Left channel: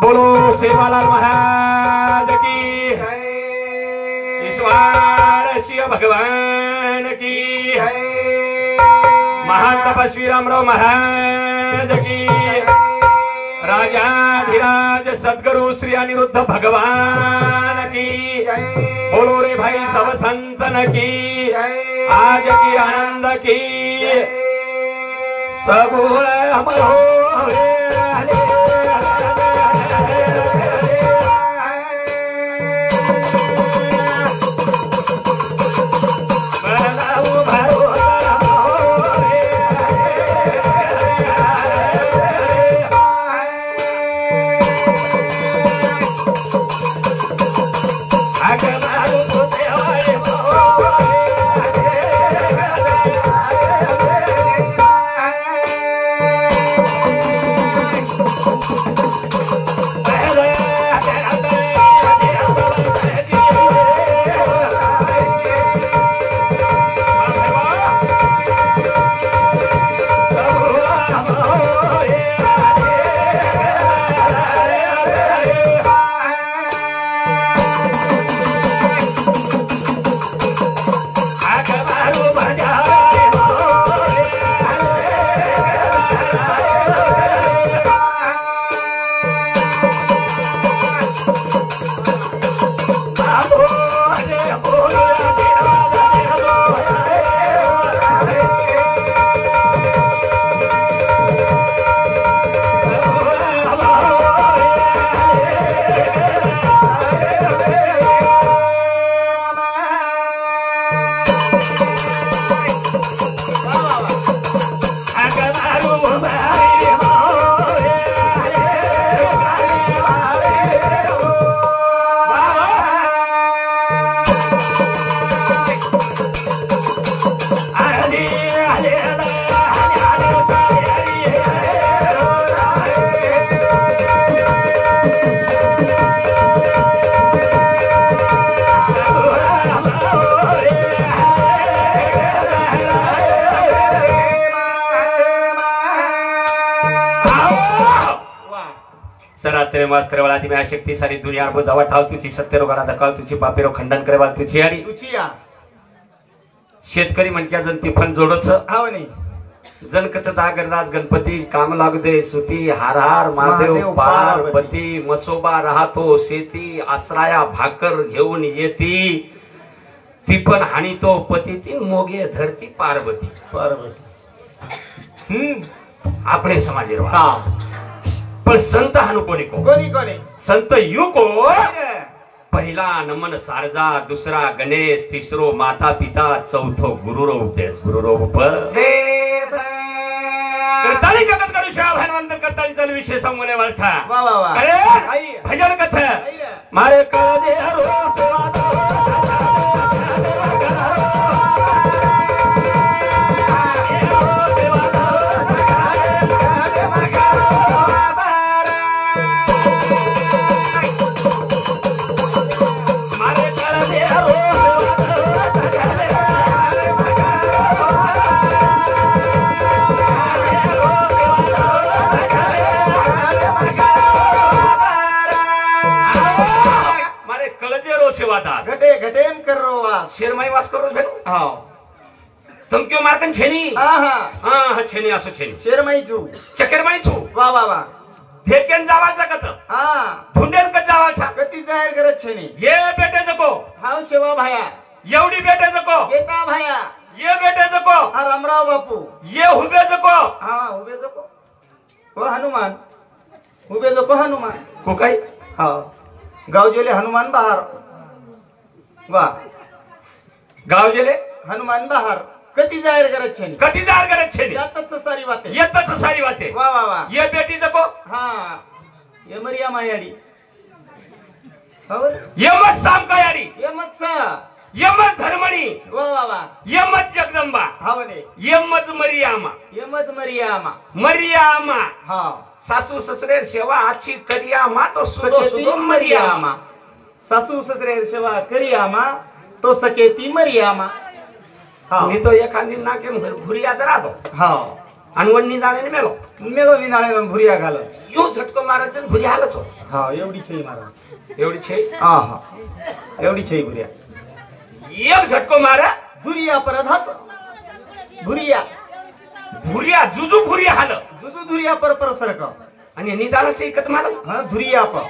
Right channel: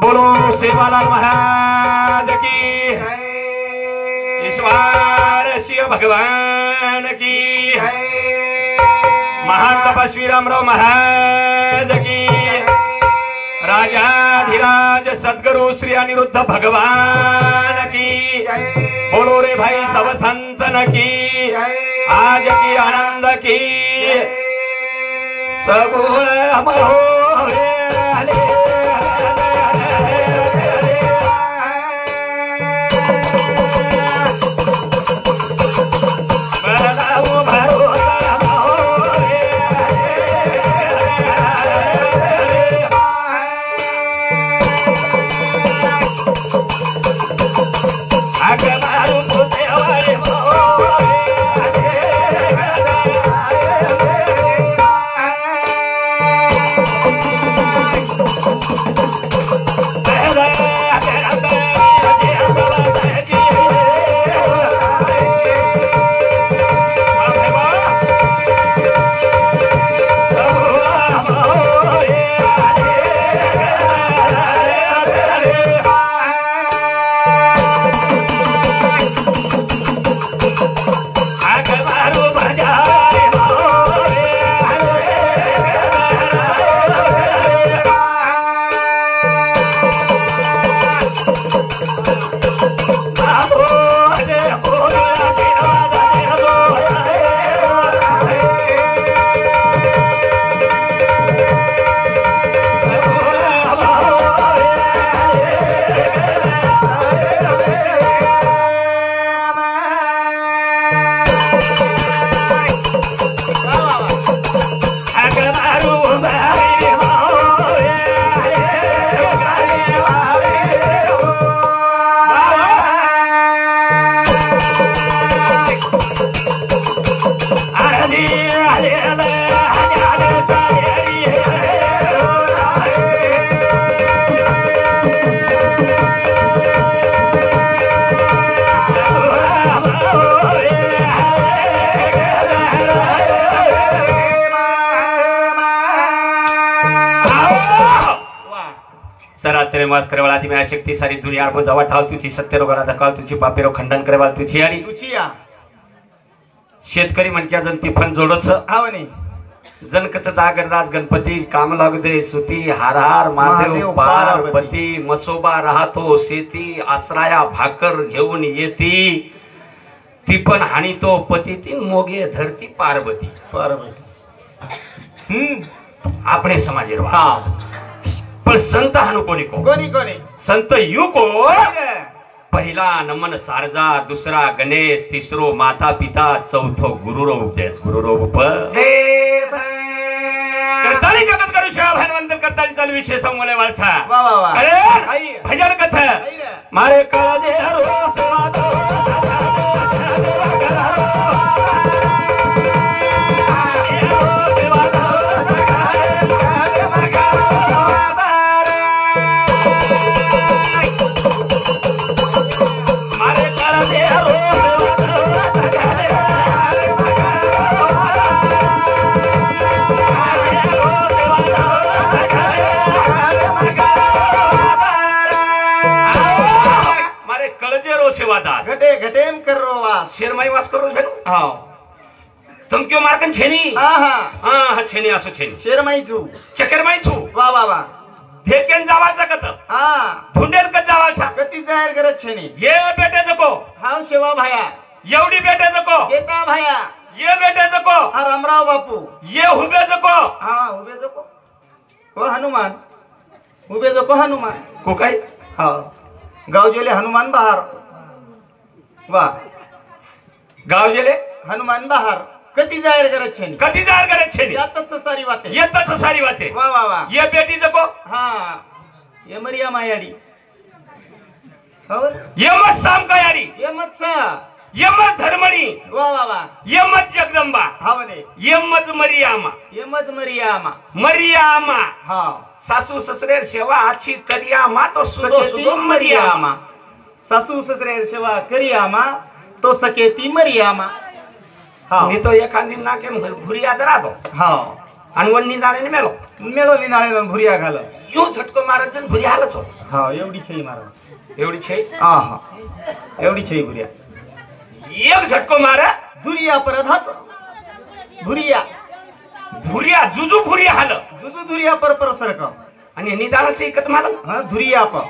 बोलो सेवालाल महाराज की ईश्वर शिव भगवान की महान तपस्वी रामराव महाराज की राजाधिराज सद्गुरु श्री अनिरुद्ध भगवान की बोलो रे भाई सब संतन की आज की आनंद की सबूर शक्ती सारी दुनिया जावा ठाव तुझी सत्य रोगाला धकाव तुझी पापेरो खंडन करेवा तुझी आणि तुझी या शेतकरी म्हणक्या जन तिफन जोडच आवनी जनकच दागरनाथ गणपती काम लागू दे सुती हार हार महादेव पार्वती मसोबा राहतो शेती आश्राया भाकर घेऊन येती ती पण हानी तो पती ती मोगे धरती पार्वती आपले समाज हा पण संत हानु कोणी कोणी संत यू को पहिला नमन सारजा दुसरा गणेश तिसरो माता पिता चौथो गुरुरो उपदेश गुरुरो उपदेश करताली जगत करू शिवा भगवंत करताली चालू विषय संवले वरछा अरे भजन कथ मारे कळ दे रो घटे घटेम करो वास शेरमाई वास करो भेन हां तुम क्यों मारकन छेनी हां छेनी असो छेनी शेरमाई छु चकेरमाई छु वा धेकेन जावाचा कत धुंडेल कत जावाचा कती जाहीर करत छेनी ये बेटे जको हां शेवा भाया एवढी बेटे जको येता भाया ये बेटे जको रामराव बापू ये हुबे जको हां हुबे जको को हनुमान हुबे जको हनुमान को काय हां गाव जेले हनुमान बहार वाह गाव गेले हनुमान बहार कती जाहीर करत छेनी यातच सारी वाते वा ये बेटी जको हां ये मरिया मायाडी ये मत साम कायाडी ये मत सा ये मत धर्मणी वा ये मत जगदंबा हावने ये मत मरियामा मरियामा हां सासू ससरे सेवा आची करियामा तो सुदो मरियामा सासू ससरे सेवा करियामा तो सकेती मरियामा हां मी तो एखादी ना के घुरी याद राहतो हां आणि वन निंदाने मेलो मेलो निंदाने भुरिया घाल यो झटको महाराज भुरी हालच हो. हा एवढी छई महाराज एवढी छे हा हा एवढी छई भुरिया एक झटको मारा धुरिया परधाच धुरिया भुरिया जुजू भुरी हाल जुजू धुरिया पर सरक आणि निदानाचं एकत मला हा धुरिया प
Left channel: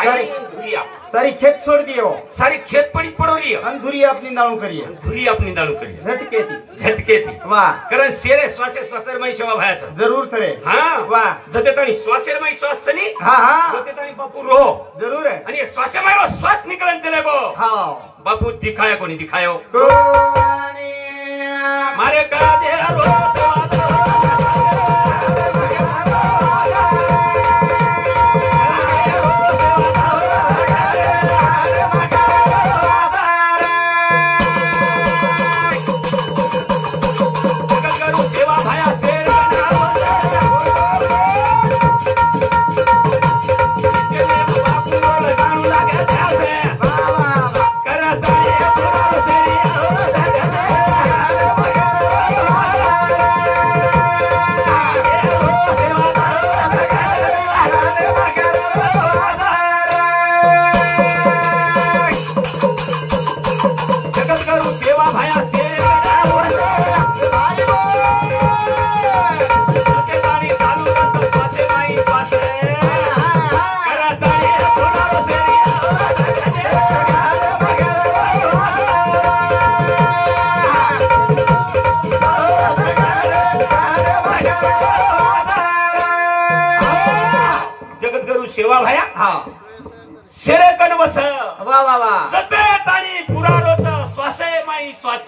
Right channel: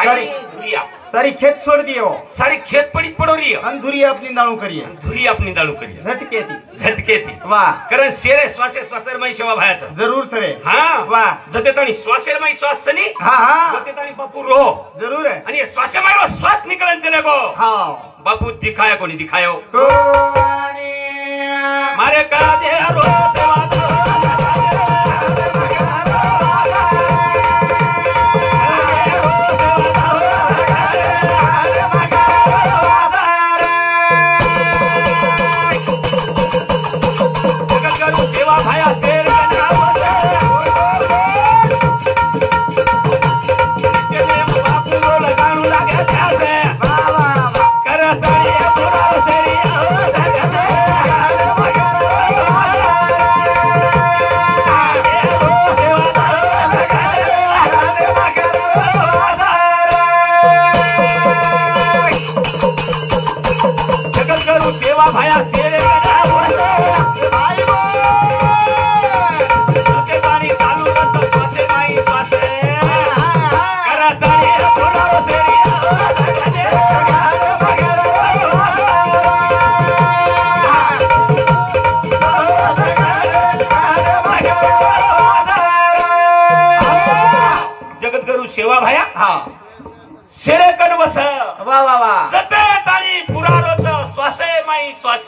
आणि धुरिया सारी खेत छोड़ दियो सारी खेत पड़ी पड़ोरी अन धुरिया अपनी दाणू करिए धुरी अपनी दाणू करिए झटके ती वाह कारण शेरे श्वासे श्वासरमय सेवा भायाचं जरूर सरे हा वाह जते ताणी श्वासरमय श्वास सनी हा हा जते ताणी बापू रो जरूर है आणि श्वासमय रो श्वास निकलन चले गो हा बापू दिखाया कोणी दिखायो कोणी मारे का दे रो जगद्गुरु सेवा भाया हा शेरे कडवस वा वा वा सतरे ताणी पुरारोच श्वासे माई श्वास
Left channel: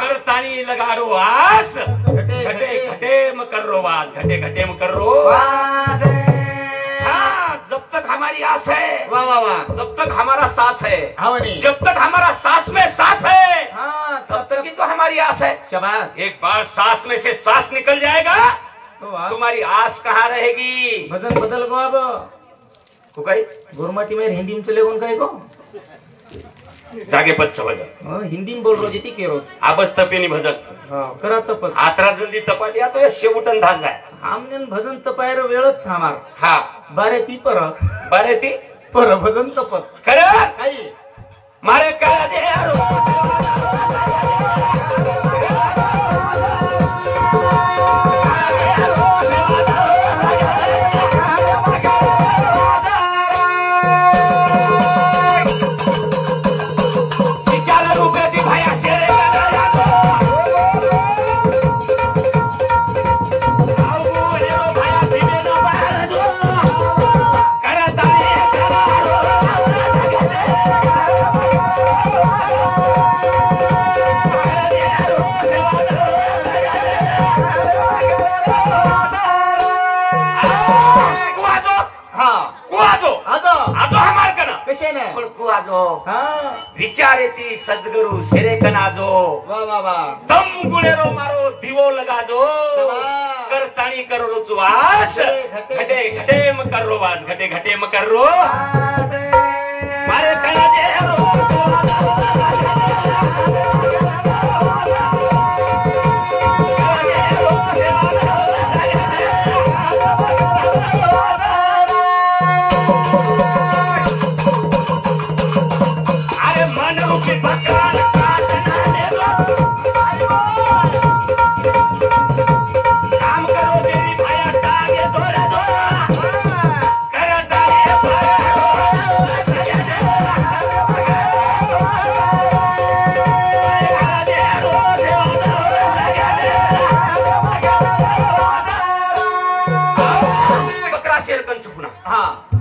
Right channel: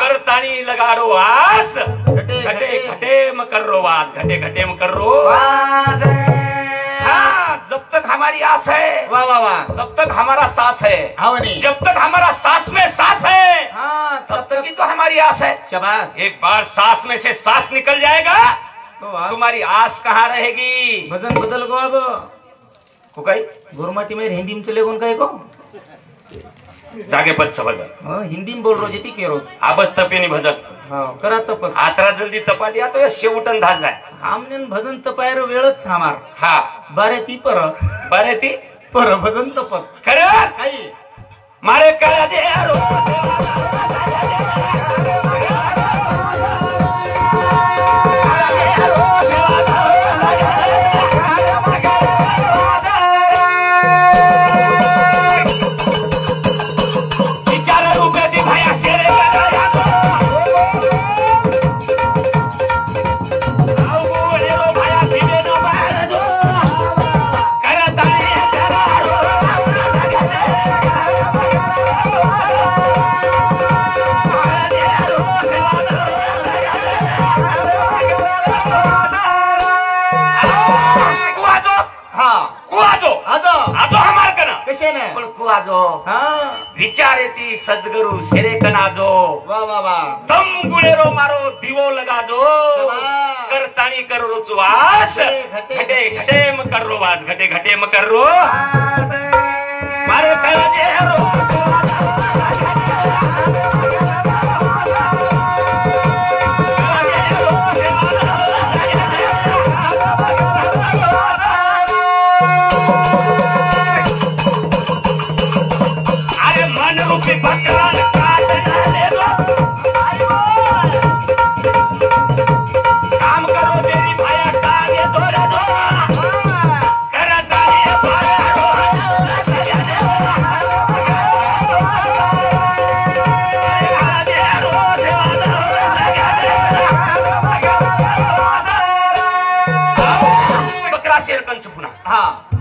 करताणी लगाडो आस घटे घटे म करो वास घटे घटे म करो हाँ जब तक हमारी आस है वाह वाह वाह तब तक हमारा सांस है जब तक हमारा सांस में सांस है तब तक ही तो हमारी आस है शाबाश एक बार सांस में से सांस निकल जाएगा तुम्हारी आस कहाँ रहेगी भजन बदल गो अब को काही गुरमाटी में हिंदी में चले कौन कहे को जागे पद भजन हिंदी में बोल रो जेती के रो आबस तपेनी भजन करा तपस आतरा जल्दी तपा दिया तो शेवटन धाज जाय आमने भजन तपायर वेळच हमार हा बारे ती पर भजन तपस खरं काही मारे का दे रो विचार येती सद्गुरु शेरे कनाजो वा वा वा दम गुळेरो मारो दिवो लगाजो करताणी करो रुचवास घटे घटे म करो वास घटे घटे म करो मारे कया दे रो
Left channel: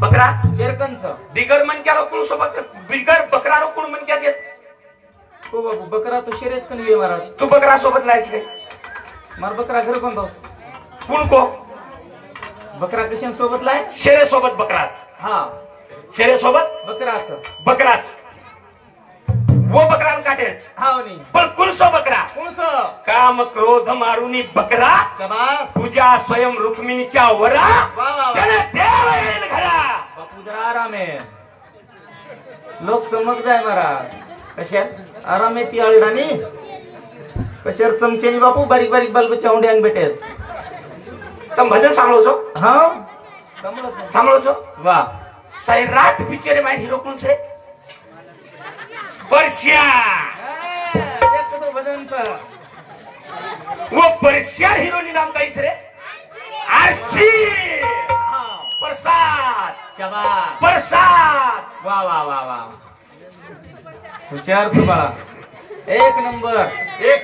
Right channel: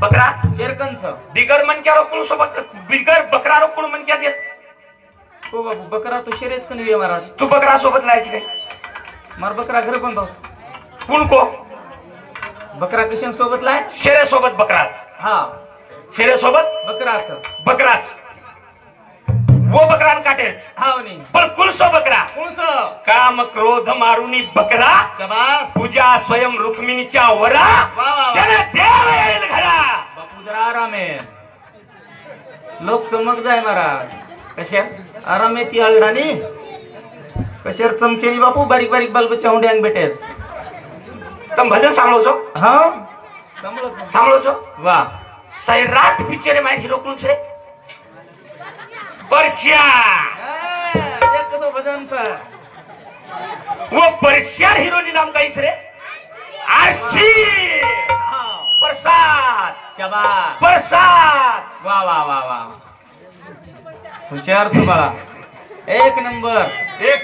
बकरा शेरकंच बिगर मनक्या रोकून सोबत बिगर बकरा रोकून मनक्या देत हो बाबू बकरा तो शेरेच कन वे महाराज तू बकरा सोबत लायची काय मार बकरा घर कोण दोस कुण को बकरा कशान सोबत लाय शेरे सोबत बकराच हा शेरे सोबत बकराच वो बकरान काटेच हा नाही पण कुणसो बकरा काम क्रोध मारुनी बकरा शाबास पूजा स्वयं रुक्मिणीच्या वरा त्याला देव येईल घरा बापू जरा आराम आहे लोक चमक जाय महाराज कशा आराम आहे ती आळडानी कशावर चमकेनी बापू बारीक बारीक बाल बच्चा होंडे अंग बेटे तुम भजन सांभळो છો हाँ सांभळो છો वाह सैराट पिक्चर में हीरो कौन से परश्या कसं भजन सर वो परश्या हीरो नी नाम काहीच रे आरची प्रसाद शाबास प्रसाद वाह वाह वाह वाह हुशार तू बाळा एक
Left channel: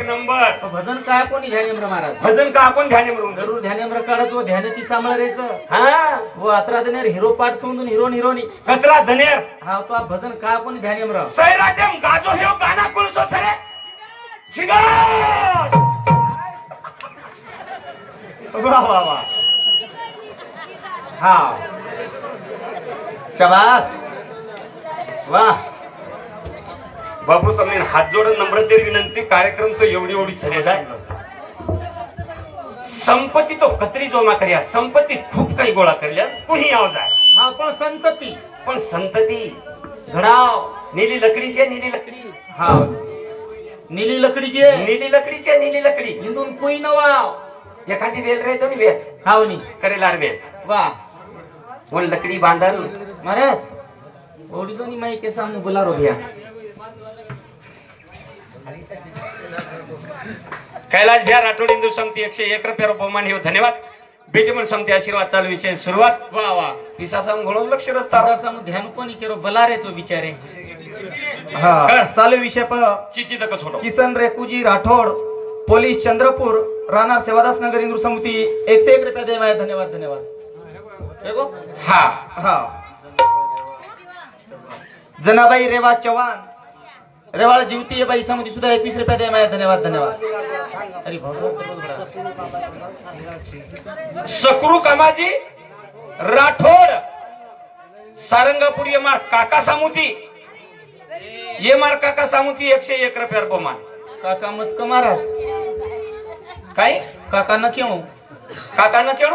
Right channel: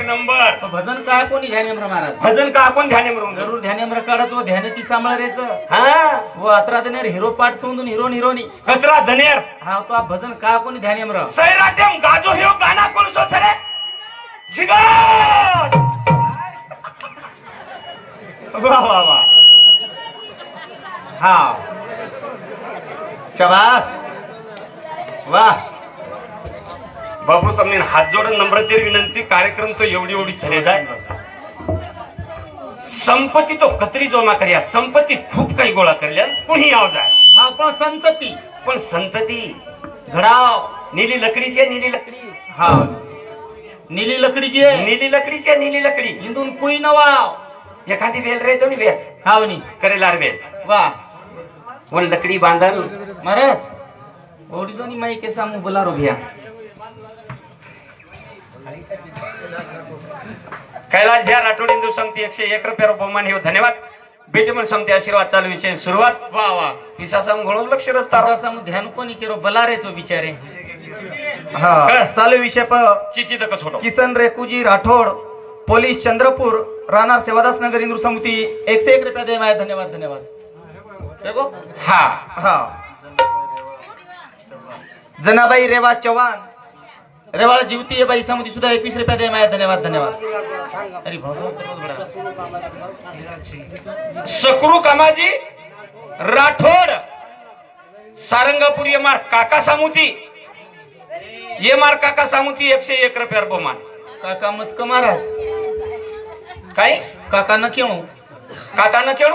नंबर तो भजन काय कोणी ध्यानेम्र महाराज भजन का आपण ध्यानेम्र जरूर ध्यानेम्र काढत वो ध्यान ती सांभाळायचं हा वो अत्रा दनेर हिरो पाठ समजून हिरोनी कचरा धनेर हा तो भजन का कोणी ध्यानेम्र सैराटेम गाजो ह्यो गाना कोणसो छरे जिगड वाह वाह वाह हा शाबास वाह बाबू सामने हात जोडून नम्रतेर विनंती कार्यक्रम तो एवढी छले जाय संपत्ती तो कतरी जमा कर्या संपत्ती खूप काही गोळा करल्या कोणी आव जाय हा पण संतती घडाव नीली लकडी हा नीली लकडीची नीली लकडी इंदून कुई नवाव एखादी वेल रे दोन्ही वेल हावनी करेलार वेल वाह वो लकडी बांधन महाराज ओडी दोनी माई के सामने बुलारो भैया कैलाश भैया राठोड हिंदू समिती 101 रुपये बहुमान हे धन्यवाद बेटी पण समिती आशीर्वाद चालू विषय सुरुवात वाह वाह पिसा संग घोळ लक्ष रस्ता सामने ध्यान कोणी केरो बलारेचो बिचारे हा चालू विषय प चिची तक छोटो किसन रेकुजी राठोड पोलीस चंद्रपूर राहणार सेवादास नगर हिंदू समिती 101 रुपये दे माय धन्यवाद देखो हा हा जनाबाई रेवा चव्हाण रेवाळ जीवती बाई समिती सुद्धा 21 रुपये दे माय धन्यवाद अरे सकरू कामाजी राठोड सारंगापूर येमार काका सामुती 101 रुपये बहुमान काका मत कमारास काय काका न क्यों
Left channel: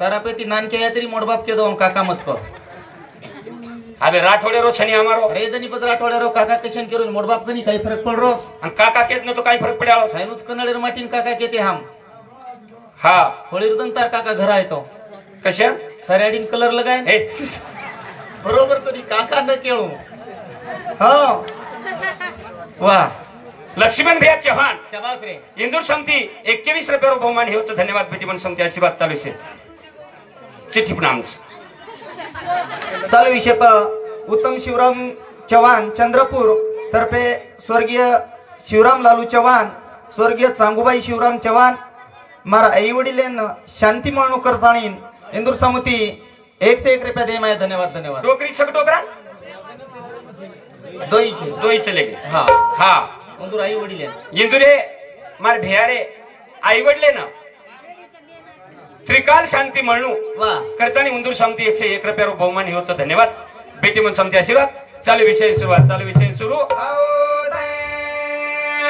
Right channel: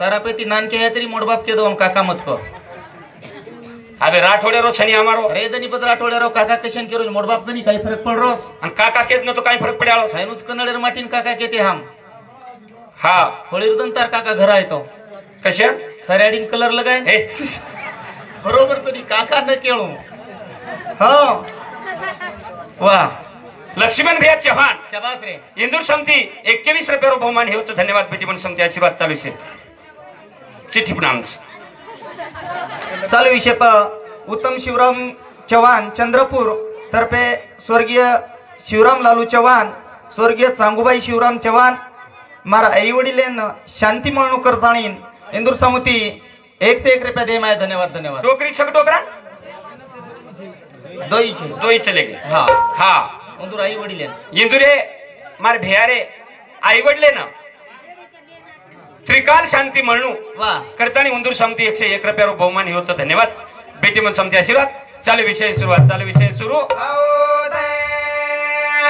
तारापेती नानके है तेरी मोड़बाप के दो काका मत को अबे राठोडे रो छनी हमारो रे दनी पत राठोडे रो काका कशन के रो मोड़बाप कनी काही फरक पड़ रो अन काका केत न तो काही फरक पड़ालो थायनुच कन्नडर माटीन काका केते हम हा होळीरदन तार काका घर आयतो कशा थराडीन कलर लगाय ए बरोबर तरी काका न केळू हां वाह लक्ष्मण भैया चव्हाण शाबास रे इंदूर समिती 21 रुपये बहुमान हे धन्यवाद बेटी पण समिती आशीर्वाद चालू से चिठ्ठी प्रणाम चालू विषय प उत्तम शिवराम चव्हाण चंद्रपूर तर्फे स्वर्गीय शिवराम लालू चव्हाण स्वर्गीय चांगुबाई शिवराम चव्हाण मारा आई वडीलेन शांती म्हणून करताणी इंदूर समिती 101 रुपये दे माय धन्यवाद डोकरी छक डोकरा दोई चले गए हा इंदूर आई वडीलेन इंदुरे मार भेयारे आई वडले ना त्रिकाल शांती म्हणू करताना इंदूर समिती 101 रुपये बहुमान हे धन्यवाद बेटी मन समिती आशीर्वाद चालू विषय सुरू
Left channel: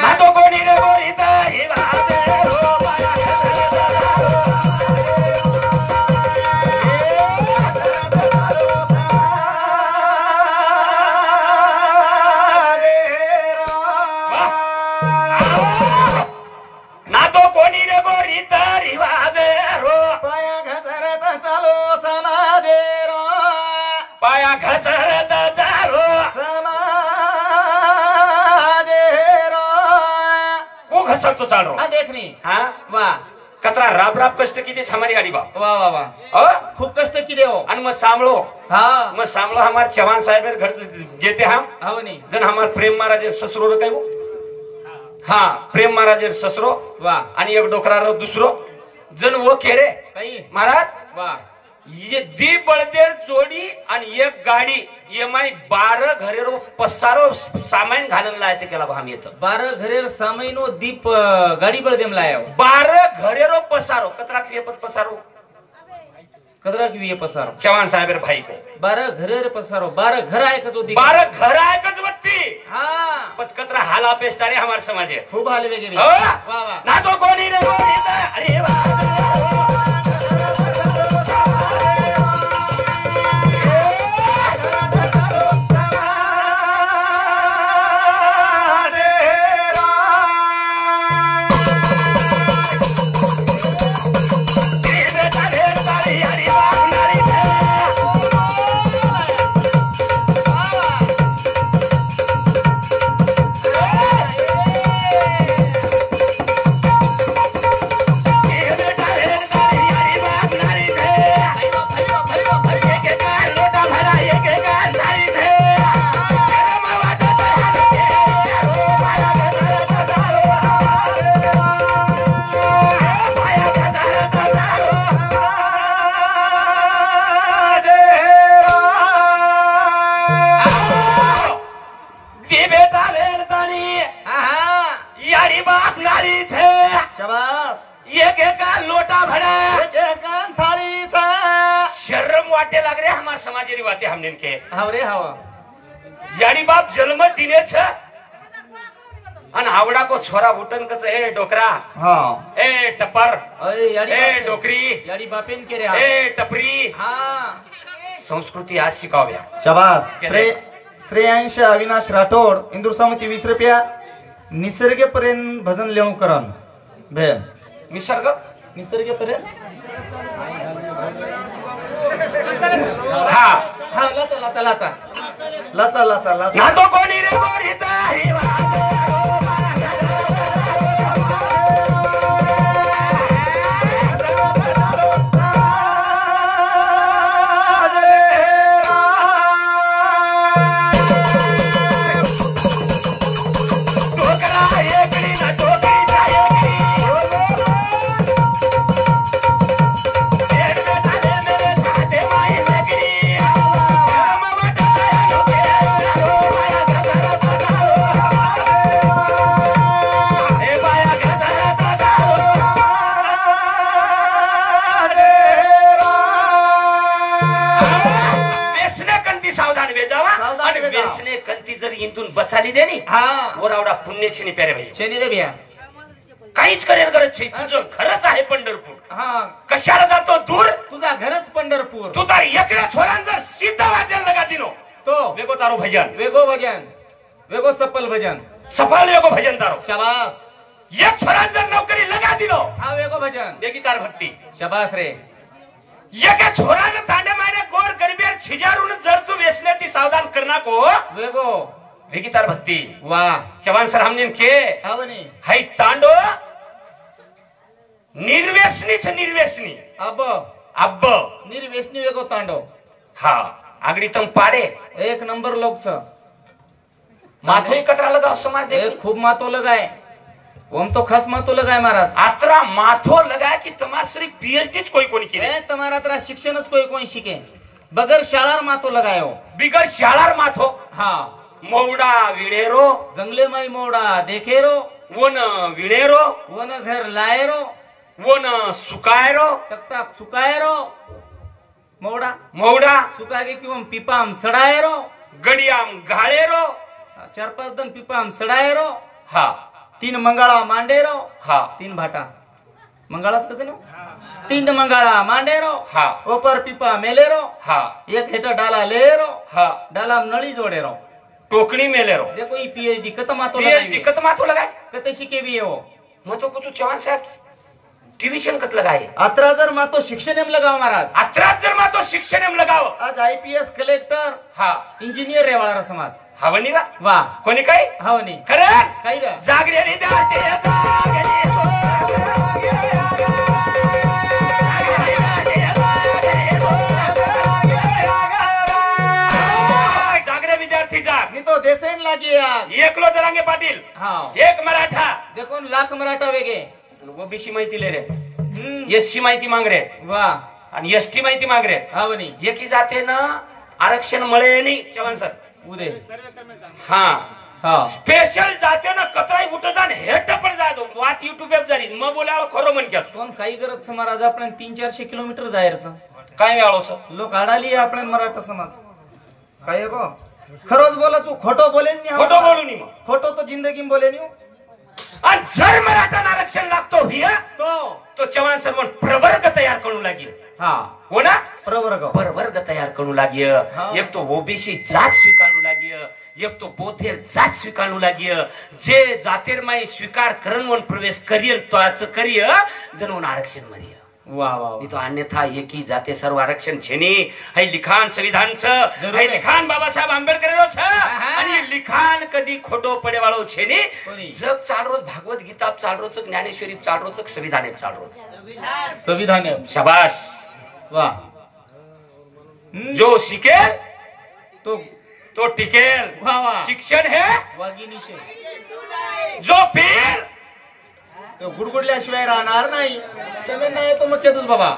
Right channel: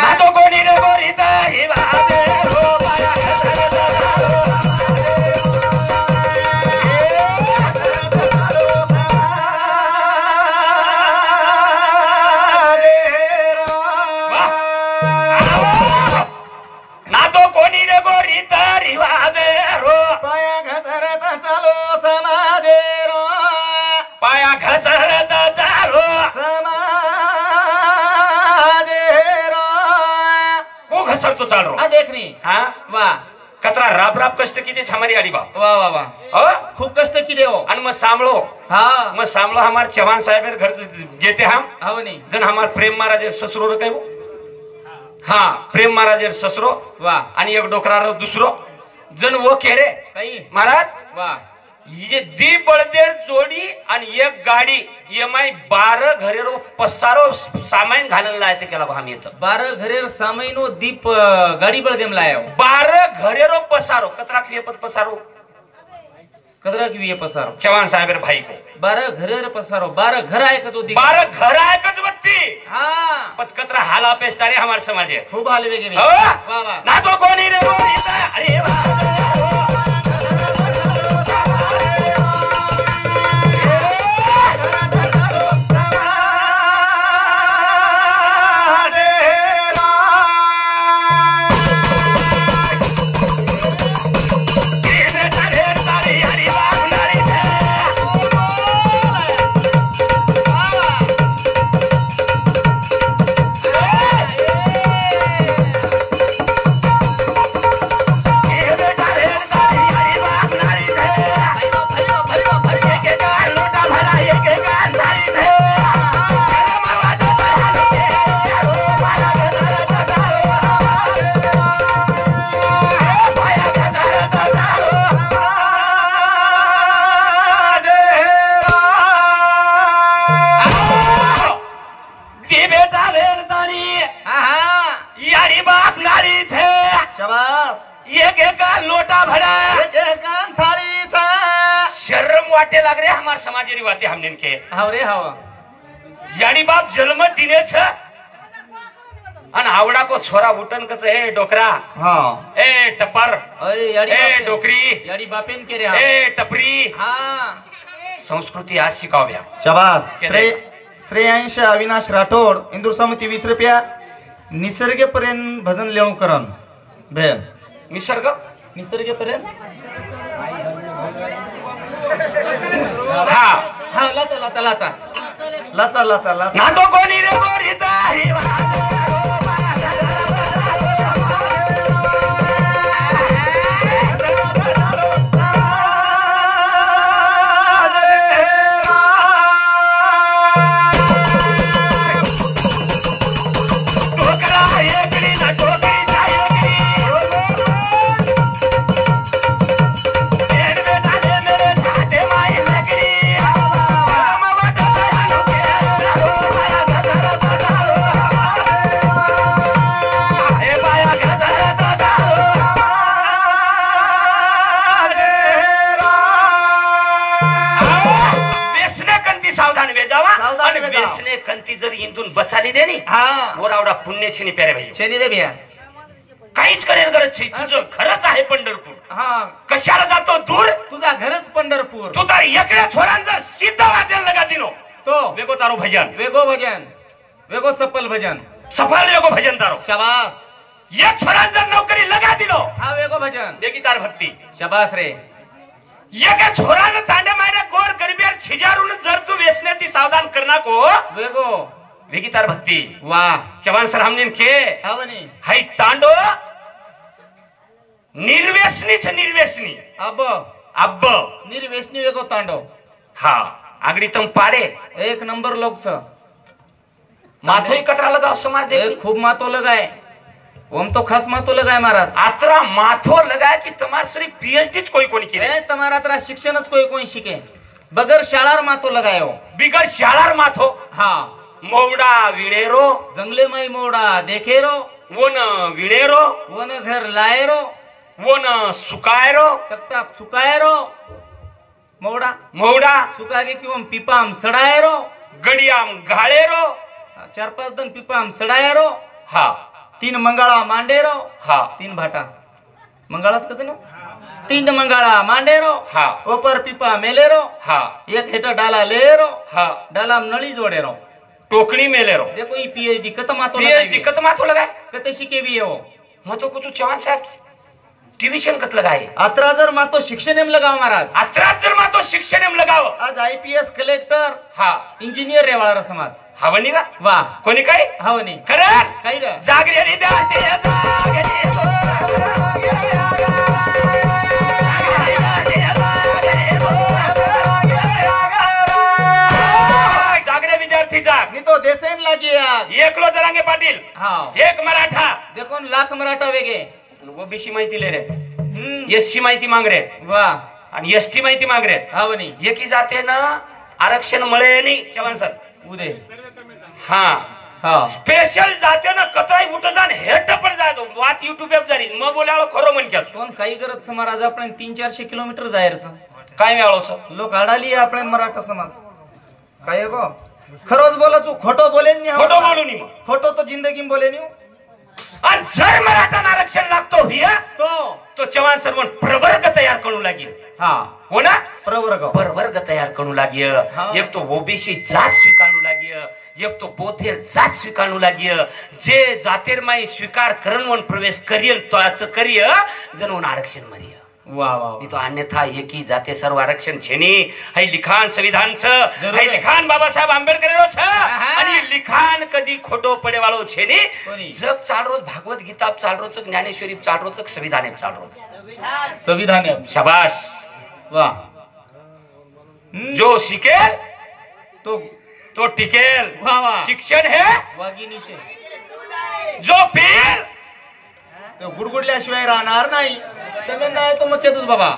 ना तो कोणी रे बोरिता ही वादे रो ना तो कोणी रे बोरिता रिवाजे रो पाया घसरता चालो समाजे रो पाया घसरता चालो समाजे रो को घसरतो चालो आ देखनी हाँ वाह कतरा राब कष्ट किती छमारी आडी बा वाह वाह वाह खूप कष्ट की देव आणि मग सांभळो हाँ मग सांभळो हमार चव्हाण साहेब घर गेते हम हाव नहीं जन हमार प्रेम महाराज ससुरो रे काय हा प्रेम महाराज ससरो वाह आणि एक डोकरा रो दुसरो जन वो केरे काही महाराज वाह ये दी बळदेर जोडी आणि एक गाडी EMI 12 घरेरो पसारो सामान घालायला लायते केला हम येत 12 घरेर सामाईनो दीप गाडी बळ देम लायो 12 घरेरो पसारो कतरा क्रियपत पसारो कदरा की ये पसारो चव्हाण साहेब भाई को 12 घरेर पसारो 12 घर आहे का तो 12 घर आहे कच बत्ती हाँ पच कतरा हाला पेस्टारे हमार समाज खूब हाल वेगे वाह वाह ना तो कोणी रे अरे वाह शाबास एक एका लोटा भरा एक एकान थाळीचा शर्म वाटे लाग रे हमार समाजेरी वाते हमने के हाव रे हाव यानी बाप जन्म दिने छ अन आवडा को छोरा उठन कच ए डोकरा हां ए टपर अरे याडी ए डोकरी याडी बापेन के रे ए टपरी हां संस्कृती आज शिकाव्या शाबास श्रेयांश अविनाश राठोड इंदूर समिती 20 रुपया निसर्गपर्यंत भजन लेणू करन बेन निसर्गपर्यंत हा हा लाचा ना तो कोणी रे गोरीता ही वेसने कंती जर इंदून बचाली दे नी मोरावडा पुण्य छेनी प्यारे भाई छेनी रे भैया काहीच करेल गरज छे तुझं घरच आहे पंढरपूर कशाला जातो दूर तुझा घरच पंढरपूर तू तर एकड्या छोरान जर सीधा वाट्याला लगा दिलो तो वेगो तारो भजन वेगो सफल भजन सफल वेगो भजन तारो शाबास एक छोरान जर नौकरी लगा दिलो हा वेगो भजन देखी तार भक्ती शाबास रे एका छोरानं तांडे मायने गोर गरिबीर छिजारून जर तू वेसण्याची सावधान करना को वेगो वेगी तार भक्ती वाह चव्हाण सर हमने के हावनी हाई तांडो निर्वेसनी अब निर्वेसनी वेगो तांडो हा आगडी तम पाडे एक नंबर लोक छ माथो कतरा लगा समाज देखी खूब माथो लगाए ओम तो खास माथो लगाए महाराज आतरा माथो लगाए कि तुम्हारा सिर्फ पीएचडी कोई की रे तुम्हारा तरा शिक्षणच कोई शिके बगर शाळार माथो लगायो बिगर शाळार माथो हा मोवडा विळेरो जंगले माई मोवडा देखेरो वोन विळेरो वोन घर लायरो वोन सुकायरो तकता सुकायरो मोवडा सुकागे किंवा पिपाम सडायरो गडियाम घाळेरो 4-5 दन पिपाम सडायरो हा 3 मंगळा मांडेरो हा 3 भाटा मंगळाच कसं ना 3 मंगळा मांडेरो हा ऊपर पिपा मेलेरो हा एक हेठ डाला लेरो हा डालाम नळी जोडेरो टोकड़ी मेलेरो देखो ये पीएचडी कत माथो लगाए कते शिके भी है वो मतो कुछ चव्हाण साहब ट्यूशन कत लगाए अतरा जर मातो शिक्षण एम लगाओ महाराज अतरा जर मातो शिक्षण एम लगाओ आज आईपीएस कलेक्टर हा इंजिनियर रेवाळा समाज हवनी रा वाह कोणी काय हवनी खरं काय रे जागरे रे दाते जागरे विद्यार्थी जाग मी तो देसेन लागी एकलो जरांगे पाटील हाँ एक मराठा देखो लाख मराठा वेगे ओबीसी माहिती ले रे एससी माहिती मांग रे वाह आणि एसटी माहिती मांग रे हवनी एकी जाते ना आरक्षण मिळे नाही चव्हाण सर उदे हा स्पेशल जाते ना कतराई उठ जाण हेट पण जातो वाट युट्यूब वर जारी मग बोलावं खरं म्हणक्यात पण काही करत समाज आपण 300-400 किलोमीटर जायरचं काय वेळोच लोक आडाली आपण मराठा समाज काय गो खरंच बोलचो खोटो बोले खोटो बोलू नी मग खोटो तो जिंदगी बोले नी आणि जर मराठा आरक्षण लागतो हिया तो चव्हाण सर्व प्रवर्ग तयार करू लागेल हा हो ना प्रवर्ग तयार करू लागेल एक तो ओबीसी जात स्वीकारू लागेल एक तो बोथेर जात स्वीकारू लागेल जे जातेर माई स्वीकार करून प्रवेश करियल तो करिय जण आरक्षण मरिय वाह वाह तो अन्यथा एकी जाते सर्व आरक्षण छेनी है लिखाण संविधान है लिखाण बाबासाहेब आंबेडकर आणि लिखाण कधी खोटो पडे वाळो छेनी जग चाल रोज भागवत गीता चाल रोज ज्ञानेश्वरी चाल रोज संविधान चाल रोज संविधान शाबाश वाह जो शिकेल तो टिकेल वाह शिक्षण है वागिनीचे जो पेल तो गुडगुडल्याशिवाय राहणार नाही नाही तो मग तेच बाबा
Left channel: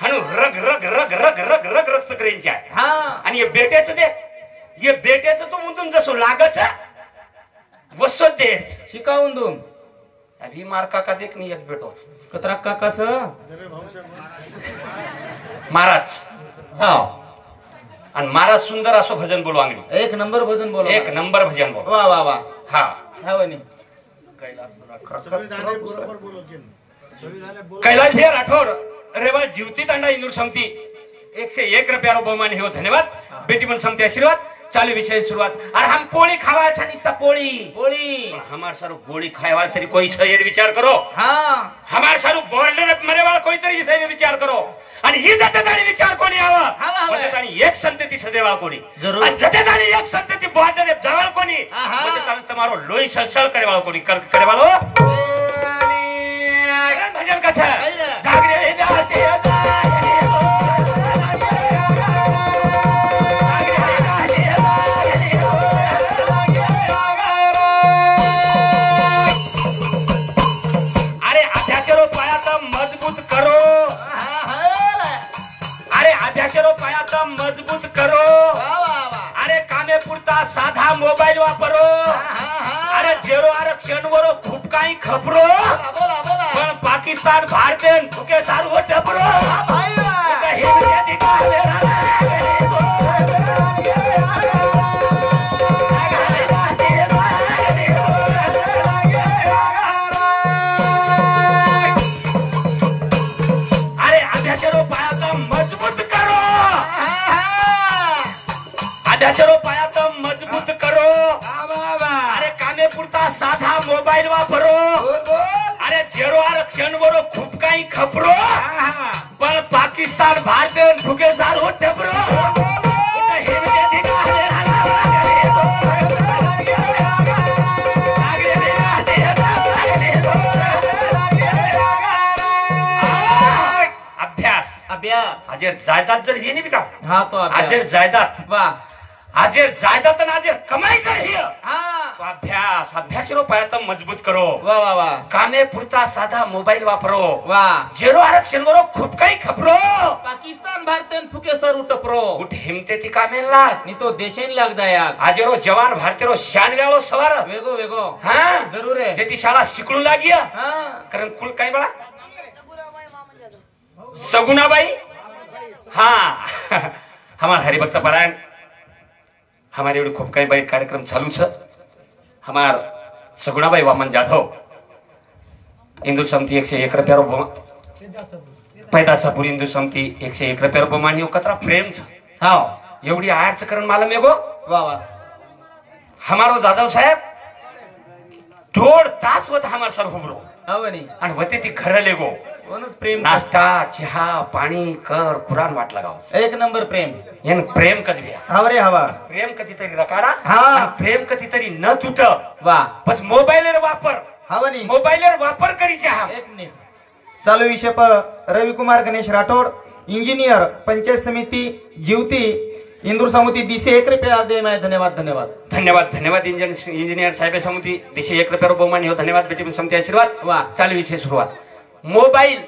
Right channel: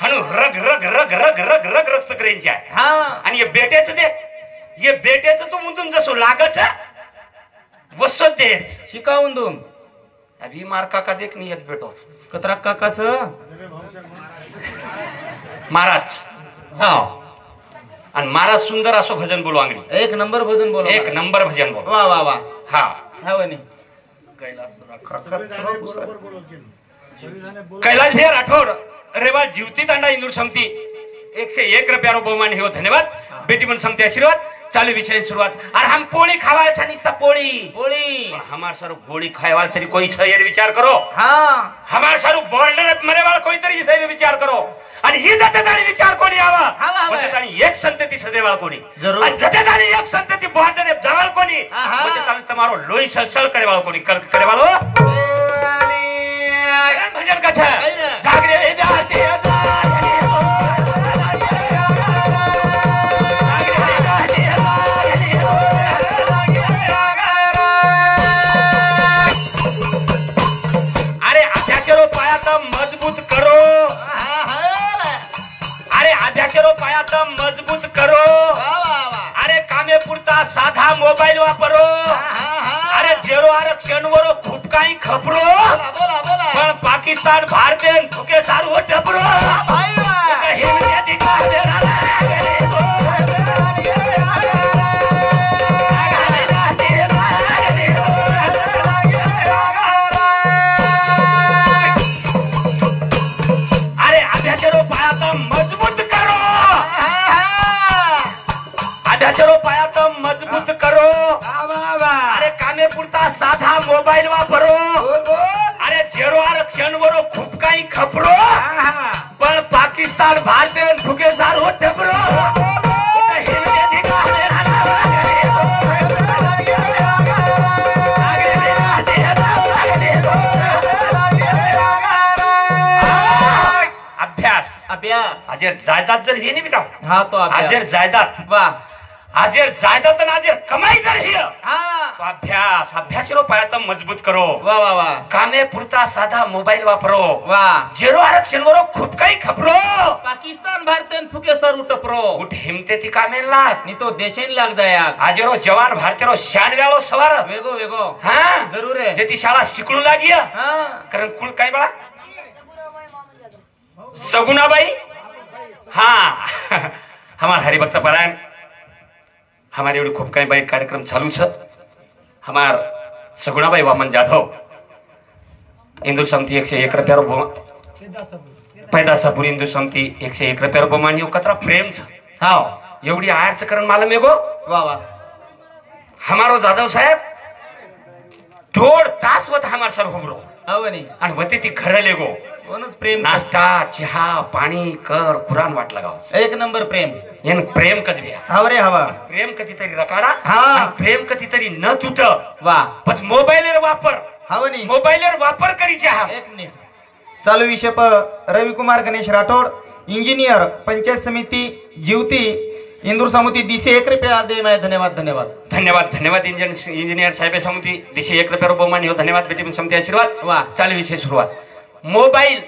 हनु रग रग रग रग रग रग रक्त करेंच्या हा आणि हे बेट्याचं तो मुंदून जसं लागत वसत देच शिकावून दोन अभी मार काका देख नाही येत बेटो कतरा काकाच महाराज हा आणि महाराज सुंदर असो भजन बोलो आंगडी एक नंबर भजन बोल एक नंबर भजन बोलो वा वा वा हा हा वनी कैलाश भैया राठौर रेवा जीवती तांडा इंदूर समिती 101 रुपया बहुमान हो धन्यवाद बेटी मन समिति आशीर्वाद चालू विषय शुरुआत और हम पोळी खावा छानिस्ता पोळी पोळी हमार सारू गोली खाएवाल तरी कोई छे विचार करो हाँ हमार सारू बोलने मरे वाला कोई तरी से विचार करो आणि ही जतेदारी विचार कोणी आवा जतेदारी एक संतती सदेवा कोणी जरूर जतेदारी एक संतती बहादर जावाल कोणी जतेदारी तुम्हारो लोई सलसल करे वाला कोणी करे वालो भजन का छे जागरे रे जाते मजबूत करो अरे अभ्यासरो पाया तो मजबूत करो अरे कामे पुरता साधा मोबाईल वापरो अरे जेरो आरक्षण वरो खूप काही खपरो पण पाकिस्तान भारतीय फुके सारू टपरो पाया तो मजबूत करो अरे कामे पुरता साधा मोबाईल वापरो अरे जेरो आरक्षण वरो खूप काही खपरो पण पाकिस्तान भारतीय फुगे सारू टपरो अभ्यास अभ्यास अजर जायदाद जर हे नाही बेटा हाँ तो अजर जायदाद वाह अजर जायदाद आणि अजर कमाई जर हे हाँ तो अभ्यास अभ्यासरो पाया तो मजबूत करो वाह वाह वाह कामे पुरता साधा मोबाईल वापरो वाह जेरो आरक्षण वरो खूप काही खपरो पाकिस्तान भारतीय फुके सारू टपरो उठ हिमते ती कामे लाग नहीं तो देशेन लाग जाया आजेरो जवान भारतीय शानव्यालो सवार वेगो वेगो हाँ जरूर है जेती शाळा शिकणू लागिया हाँ कारण कुल काय बळा सगुनाबाई हाँ हमार हरिभक्त परायण हमारे एवढी खूप काही बाईक कार्यक्रम चालू छ हमार सगुणाबाई वामन जाधव हिंदू समिति 101 रुपया पैदासापूर हिंदू समिति 101 रुपया बहुमान हो कतरा प्रेम छ हाँ एवढी आयरच करण मालूम है गो वाह वाह हमारो जाधव साहेब 1.5 तास वत हमार सर हुबरो आवनी आणि वते ती खरं लेगो प्रेम नाश्ता चहा पाणी कर कुरान वाट लगाव एक नंबर प्रेम येन प्रेम कधी हवरे हवा प्रेम कधीतरी रकारा हाँ प्रेम कधीतरी न तुट वाह पच मोबाईल वापर हवनी मोबाईल वापर करीचे हा एक मिनिट चालू विषय पर रविकुमार गणेश राठौड़ इंजीनियर पंचायत समिति जीवती इंदूर समिति दिशे 1 रुपया दे मैं धन्यवाद धन्यवाद धन्यवाद धन्यवाद इंजीनियर साहेब समिति दिशे 1 रुपया बहुमान हो धन्यवाद बेटी समिति आशीर्वाद वाह चालू विषय सुरुवात मोबाईल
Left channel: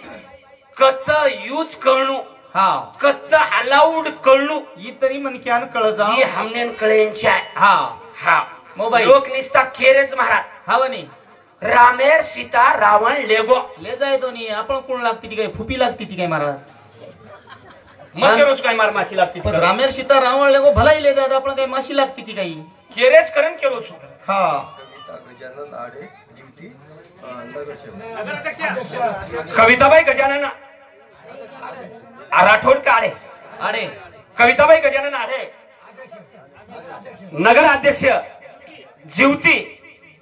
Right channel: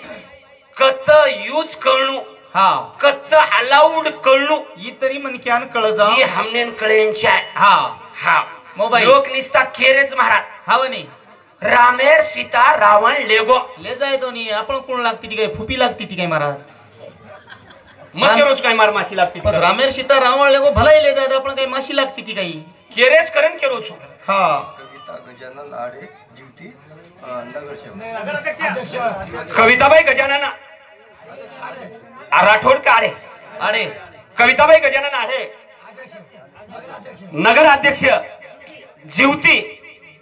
कत यूज करणू हाँ कत अलाउड करणू ये तरी मन क्यान कळ जा ये हमने कळेंच्या हाँ हाँ मोबाईल लोक निस्ता केरेज महाराज हवनी रामेर सीता रावण लेगो ले जाए तो नहीं आपण कोण लागती ती काय फुपी लागती ती काय महाराज मग रोज काय मार माशी लागती पण रामेर सीता रावण लेगो भलाई ले जाए आपण काय माशी लागती ती काही केरेज करण के रोज हाँ गजानन आडे जीवती कविताबाई गजानन राठौड़ का आडे अरे कविताबाई गजानन आडे नगर अध्यक्ष जीवती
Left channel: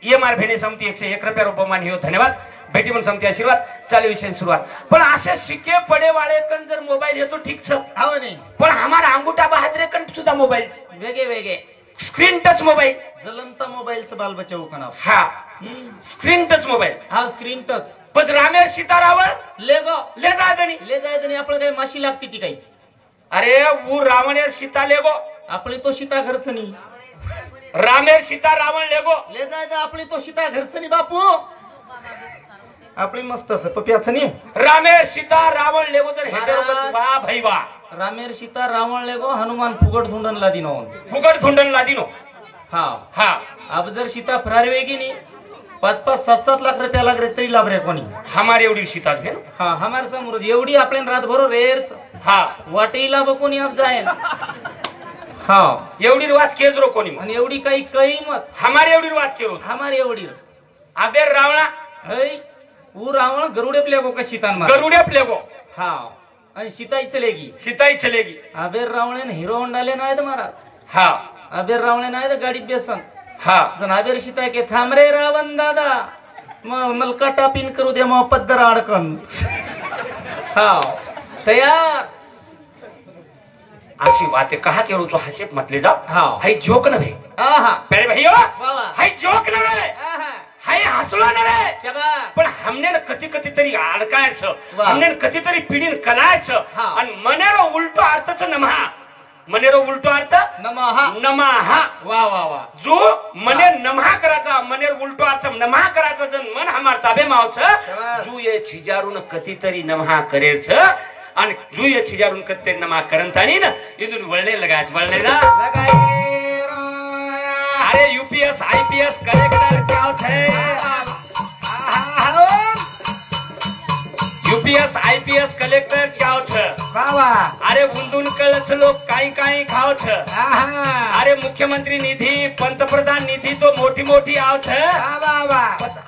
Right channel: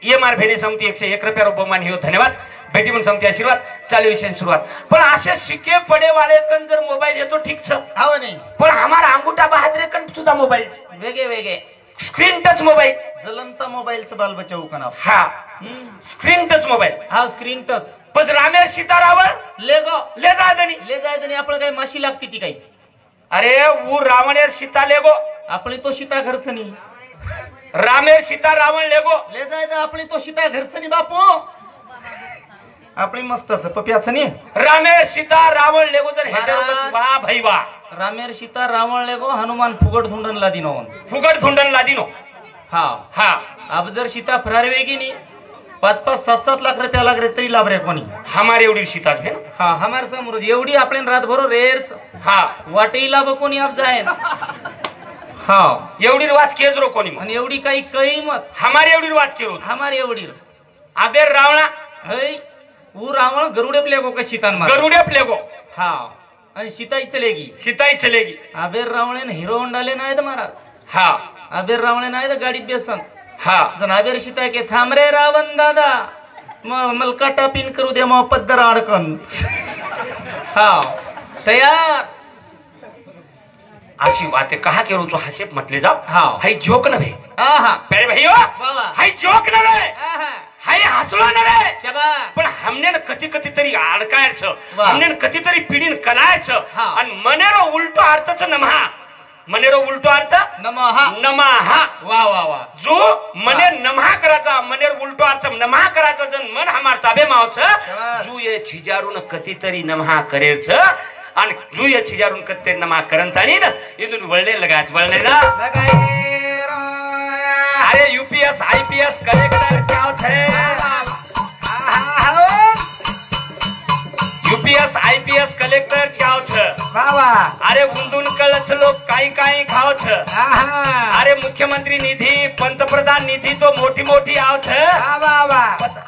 ये मार भेने समिति 101 रुपया बहुमान हो धन्यवाद बेटी मन समिति आशीर्वाद चालू विषय शुरुआत पण असे शिके पडे वाले कन जर मोबाईल येतो ठीक छ हवनी पण हमारा अंगूठा बहादुर कन सुद्धा मोबाईल वेगे वेगे स्क्रीन टच मोबाईल जलमता मोबाईलचं बाल बचाव कना हा स्क्रीन टच मोबाईल हा स्क्रीन टच पण रामेर सीता रावण लेगो ले जादनी ले जाए तो नहीं आपण काय माशी लागती ती काही अरे वो रावणेर सीता लेगो आपली तो सीता घरच नाही रामेर सीता रावण लेगो ले जाए तो आपली तो सीता घरच नाही बापू आपली मस्तच पप्याच नाही रामेर सीता रावण लेगो तर हेटर वा भाई वा रामेर सीता रावण लेगो हनुमान फुगट धुंडन लादिनो फुगट झुंडन लादिनो हा हा अब जर सीता फरार वेगी नाही 5-5, 7-7 लाख रुपया लाग रे तरी लाभ रे कोणी हमारे एवढी सीताच घे हा हमारे समोर एवढी आपण रात भरो रेर हा वाटेही लाभ कोणी आप जाय हा एवढी वाच केज रो कोणी आणि एवढी काही मत हमारे एवढी वाच केरो हमारी एवढी अबे रावणा हई ऊ रावण गरुडे प्लेगो का सीतान मार गरुडे प्लेगो हा आणि सीताई चलेगी सीताई चलेगी अबेर रावणे हिरो होंडाले नाही महाराज हा अबेर रावणे नाही गाडीत बेसन हा जण अबेर सीता के थांब रे रावण दादा मलका टापिन करू दे मग पद्दर अडकन हा तयार अशी बातें कहा के रो हसेप मतले जाओ हाँ हाई जोक नवे आहा प्यारे भैया वाह हाई जोक नवे आहा हाई हसलो नवे शाबाश पण हमने न कधी तरी अडकायच वाह. हमने कधी तरी पिढीन कलायच हा. आणि मनेरो उलटो अर्थच नमहा मनेरो उलटो अर्थ नमः नमहा वा वा वा जो मने नमहा करायचा मनेर उलटो अर्थ नमहा करायचा जन मन हमार ताबे मावच जू ये छिजारून कधीतरी नमहा करेच आणि जू ये छिजारून कधीतरी नमहा करंतानी ना इथून वळणे लगाच वळणे ना अरे यूपीएस आईपीएस कलेक्टर क्या है यूपीएस आईपीएस कलेक्टर क्या बाबा अरे उंदून कळच लोक काही खावच अरे मुख्यमंत्री निधी पंतप्रधान निधी तो मोठी आवच बाबा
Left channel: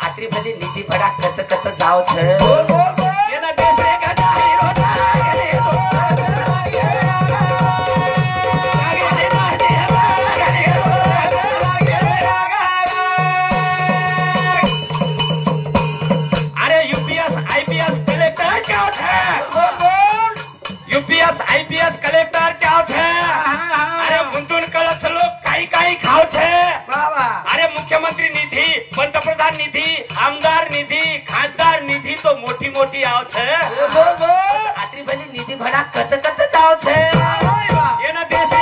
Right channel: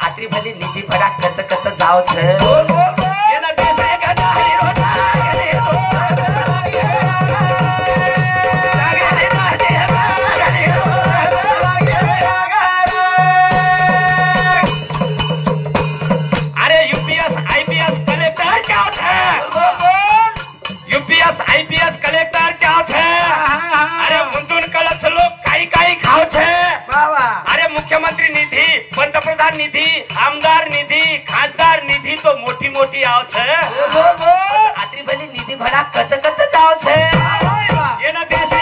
आत्री भली निधी भरा कत जावच यूपीएस आईपीएस कलेक्टर क्या अरे मुंदून कळच लोक काही खावच अरे मुख्यमंत्री निधी पंतप्रधान निधी आमदार निधी खासदार निधी तो मोठी आवच आत्री भली निधी भरा कत जावच ये ना देश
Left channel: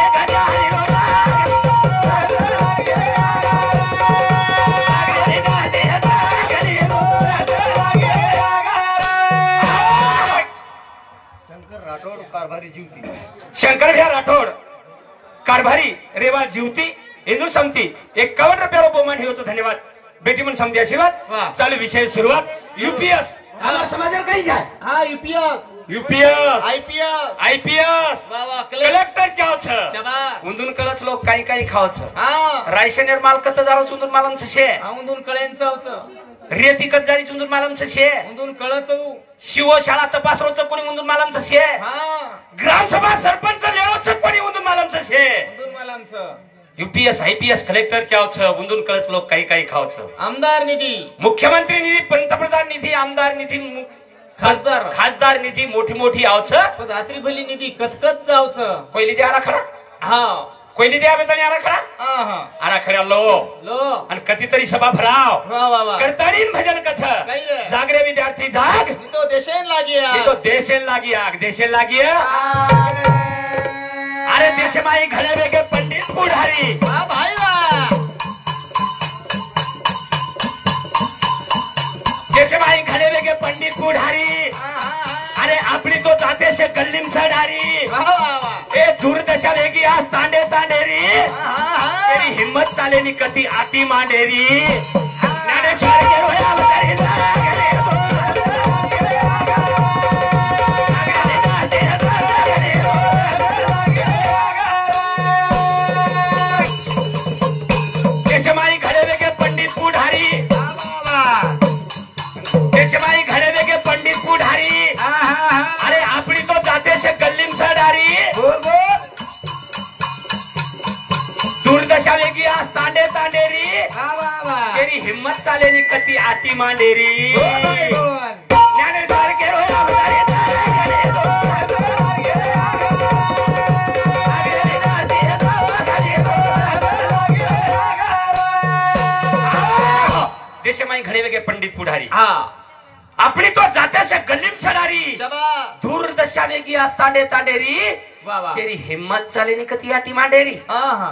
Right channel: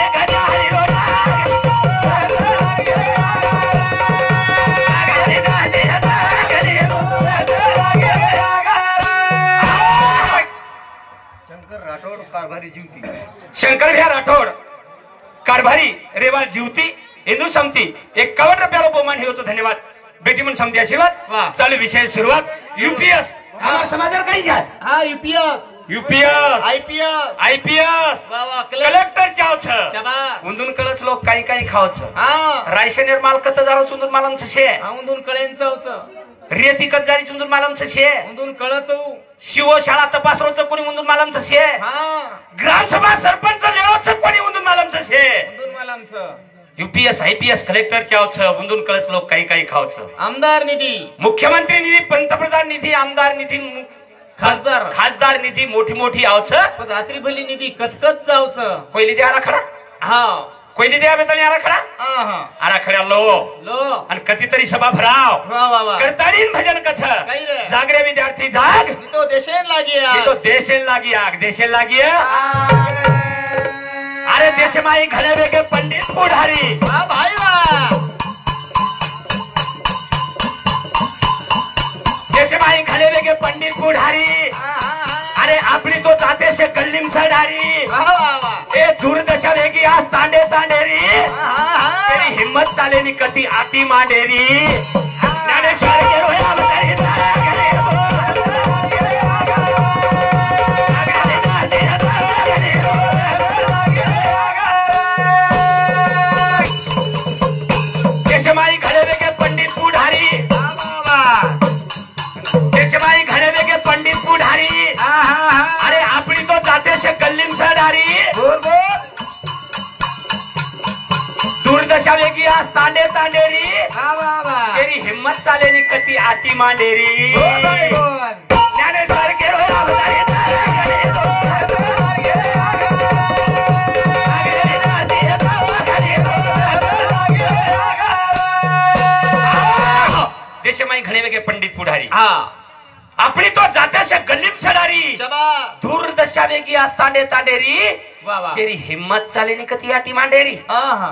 शंकर भैया राठौड़ कारभारी रेवा जीवती हिंदू समती 51 रुपये बहुमान हे होतं धन्यवाद बेटी म्हणून समती आशीर्वाद चालू विषय सुरुवात यूपीएस हमारा समाचार काही घ्या हा यूपीएस आईपीएस कलेक्टर चावछ उंदून कळच लोक काही खावच रायशन निर्माल कत जारो सुंदर मालम छे उंदून कळेंच रेती कजारी सुंदर मालम छे उंदून कळच शिवशाळा तपासरोच कोणी उंदून मालम छे ग्रामसभा सरपंच लेवच कोणी उंदून मालम छे उंदून मालमच यूपीएस आईपीएस कलेक्टर चावछ उंदून कळच लोक काही खावच आमदार निधी मुख्यमंत्री निधी पंतप्रधान निधी आमदार निधी खासदार निधी मोठी आवच रात्री भली निधी कतकत जावच पहिली द्या आराखडा हा पहिली द्या बेतानी आराखडा आराखड्या लो आणि कधीतरी सभा भराव करतानी भजन कछ जागरे विद्यार्थी जाग तो देशेन लागी अरे देशमाई घडे वेगे पंडित पुढारी भाई देशमाई घडे वेगे पंडित पुढारी अरे आपली तो जाते से गल्लीम सडारी ए दूरदशा वेगी आज तांडेरी तेरी हिम्मत चालेनी कधी आती मांडेरी ज्ञानेश्वर के रोया देशमाई घडे वेगे पंडित पुढारी देशमाई घडे वेगे पंडित पुढारी अरे आपली तो जाते से गल्लीम सडारी दूरदशा वेगी आज तांडेरी तेरी हिम्मत चालेनी कती आती मांडेरी ज्ञानेश्वर के देशमाई घडे वेगे पंडित पुढारी आपली तो जात्याशा गल्लीम सडारी दूरदशा वेगी आज तांडेरी तेरी हिम्मत चालेनी कती आती मांडेरी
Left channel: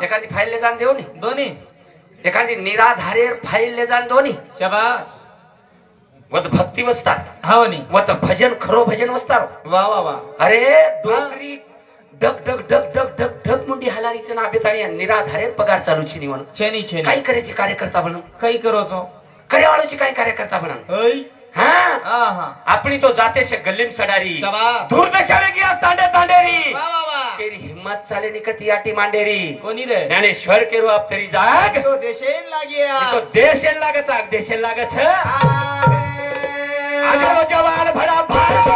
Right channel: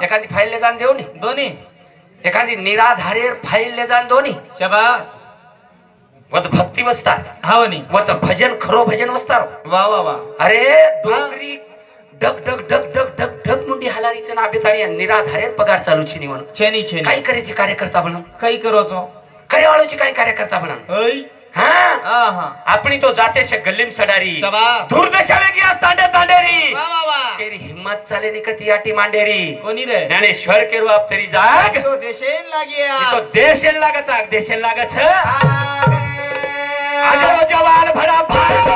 एखादी फाईल ले जाण देऊ दोन्ही एखादी निराधारेर फाईल ले जाण दोन्ही शाबास वत भक्ती वस्तार हावनी वत भजन खरो भजन वस्तार वा अरे डोकरी डग मुंडी हलारीचं ना बेताणी निराधारेर पगार चालू छी म्हणून छेनी काही करायचे कार्यकर्ता म्हणून काही करोचो कड्यावाळूची काय कार्यकर्ता म्हणून हा अपनी तो जाते से गल्लीम सडारी शाबास. दूर देशाने गया तांडे तांडेरी वा वा वा. तेरी हिम्मत चाले निकती आटी मांडेरी कोणी रे ज्ञानेश्वर के रू आप तेरी जाग तो देशेन लागिया तो देशेल लागत आग देशेल लागत आजरो जवान भरा भारत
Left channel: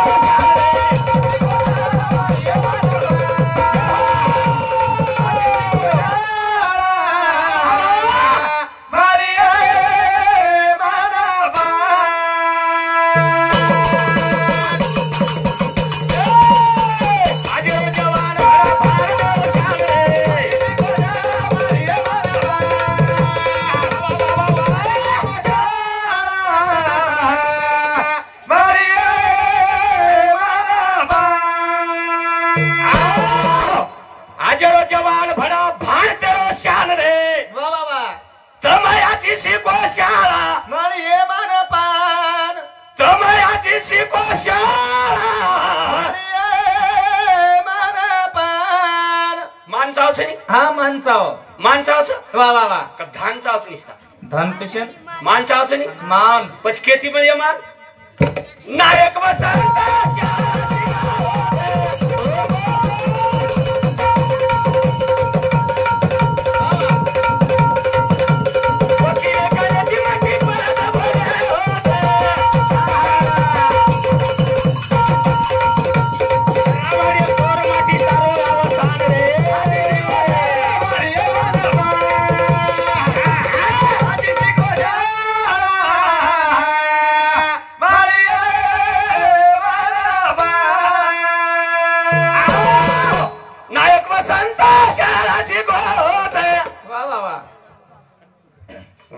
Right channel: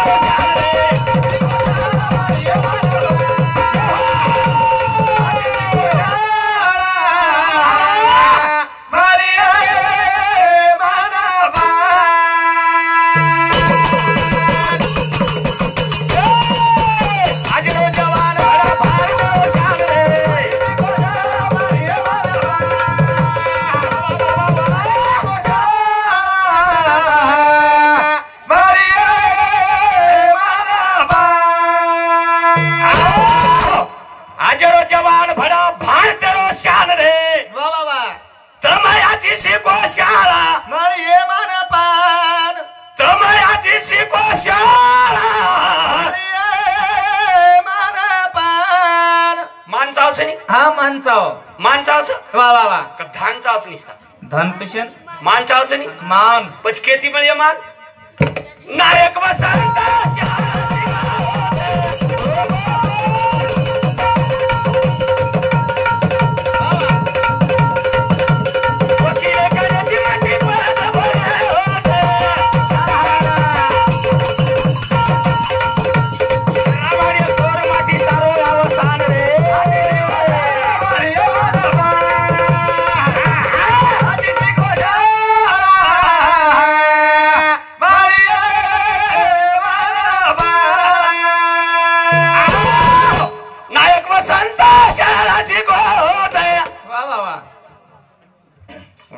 जवान भरा भारत शान रे वा वा वा. तमयाची शिको शाळा माळी ये मान पान तमयाची शिको शाळा मान पान. माणसावच नाही हा माणसाव माणसावच वा वा वा. का धानचावच निसता धन कशन माणसावच नाही मान पचकेती म्हणजे मान नायक वसंत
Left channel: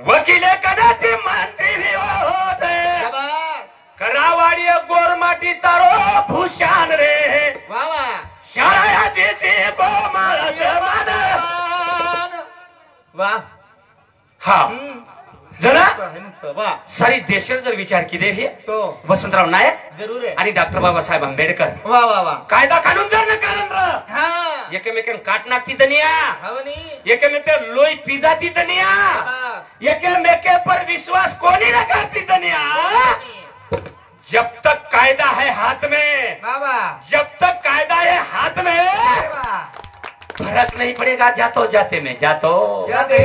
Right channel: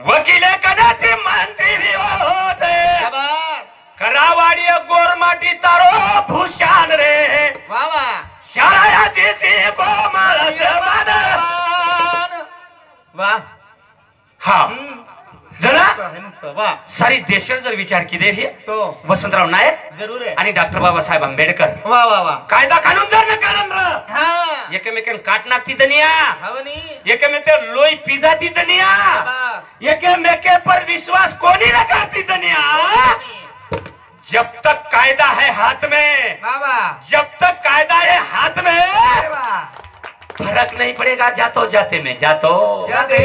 वकीले कदाचित मंत्री भी होते करावाडी गोरमाटी तारो भूषण रे वा वा. शाळाची शिको मला वा हा जरा वा. सारी देशाने जर विचार केले हे तो वसंतराव नाईक जरूर आहे. आणि डॉक्टर बाबासाहेब आंबेडकर वा वा वा. कायदा कानून जर न कारण हा एकमेकान काट नाकती तनिया हवनी एकमेक लोई पिजाती तनिया शाबास. एकमेके पर विश्वास कोनी न करती तनिया जब तक कायदा है हाथ में बाबा जब तक कायदा है हाथ में वा. फर्क नहीं पड़ेगा जातो जाते में जातो जाते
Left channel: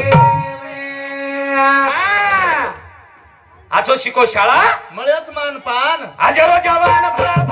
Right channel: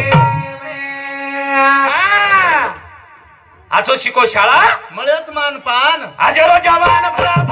आजो शिको शाळा मळच मान पान हजारो जवान भरा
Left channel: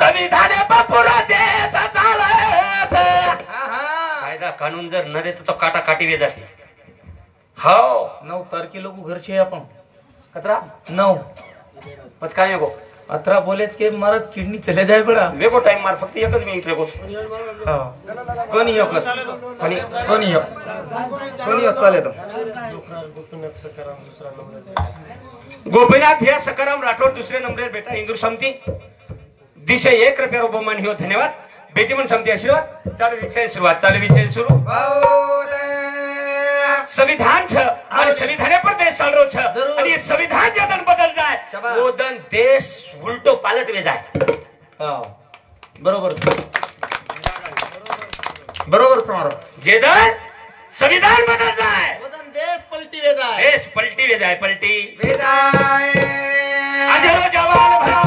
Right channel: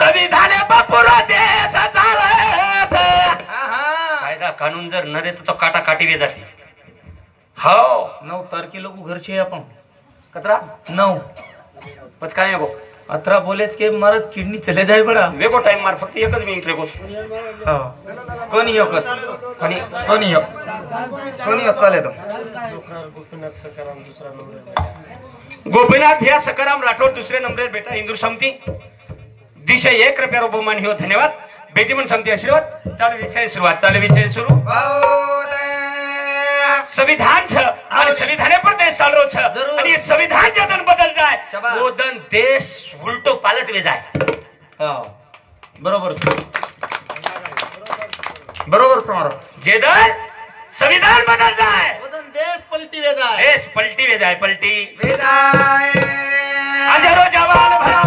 संविधान बापूरा देश कायदा कानून जर न देतो तो काटा काटी जाते हो 9 तारखेला घरचे आपण कतरा 9 पच काय गो 18 बोलेच के मरत किडनी चले जाय बडा वेगो टाइम मार फक्त एकच मिनिट लेगो कोणी एकच आणि कोणी एक चाले तो गोपीनाथ भैया सकाराम राठौर दूसरे नंबर बेटा हिंदू समती दिशा 1 रुपया बहुमान हो धन्यवाद बेटी मन समती आशीर्वाद चालू विषय सुरुवात चालू विषय सुरू संविधान छ आणि संविधाने पर देश चालरो छ आणि संविधान जदन बदल जाय वो दन देश उलटो पालट वे जाय बरोबर बरोबर तुम्हारा जेदन संविधान बदल जाय वो दन देश पलटी वे जाय देश पलटी वे जाय पलटी वे जाय हजारों जवान भरा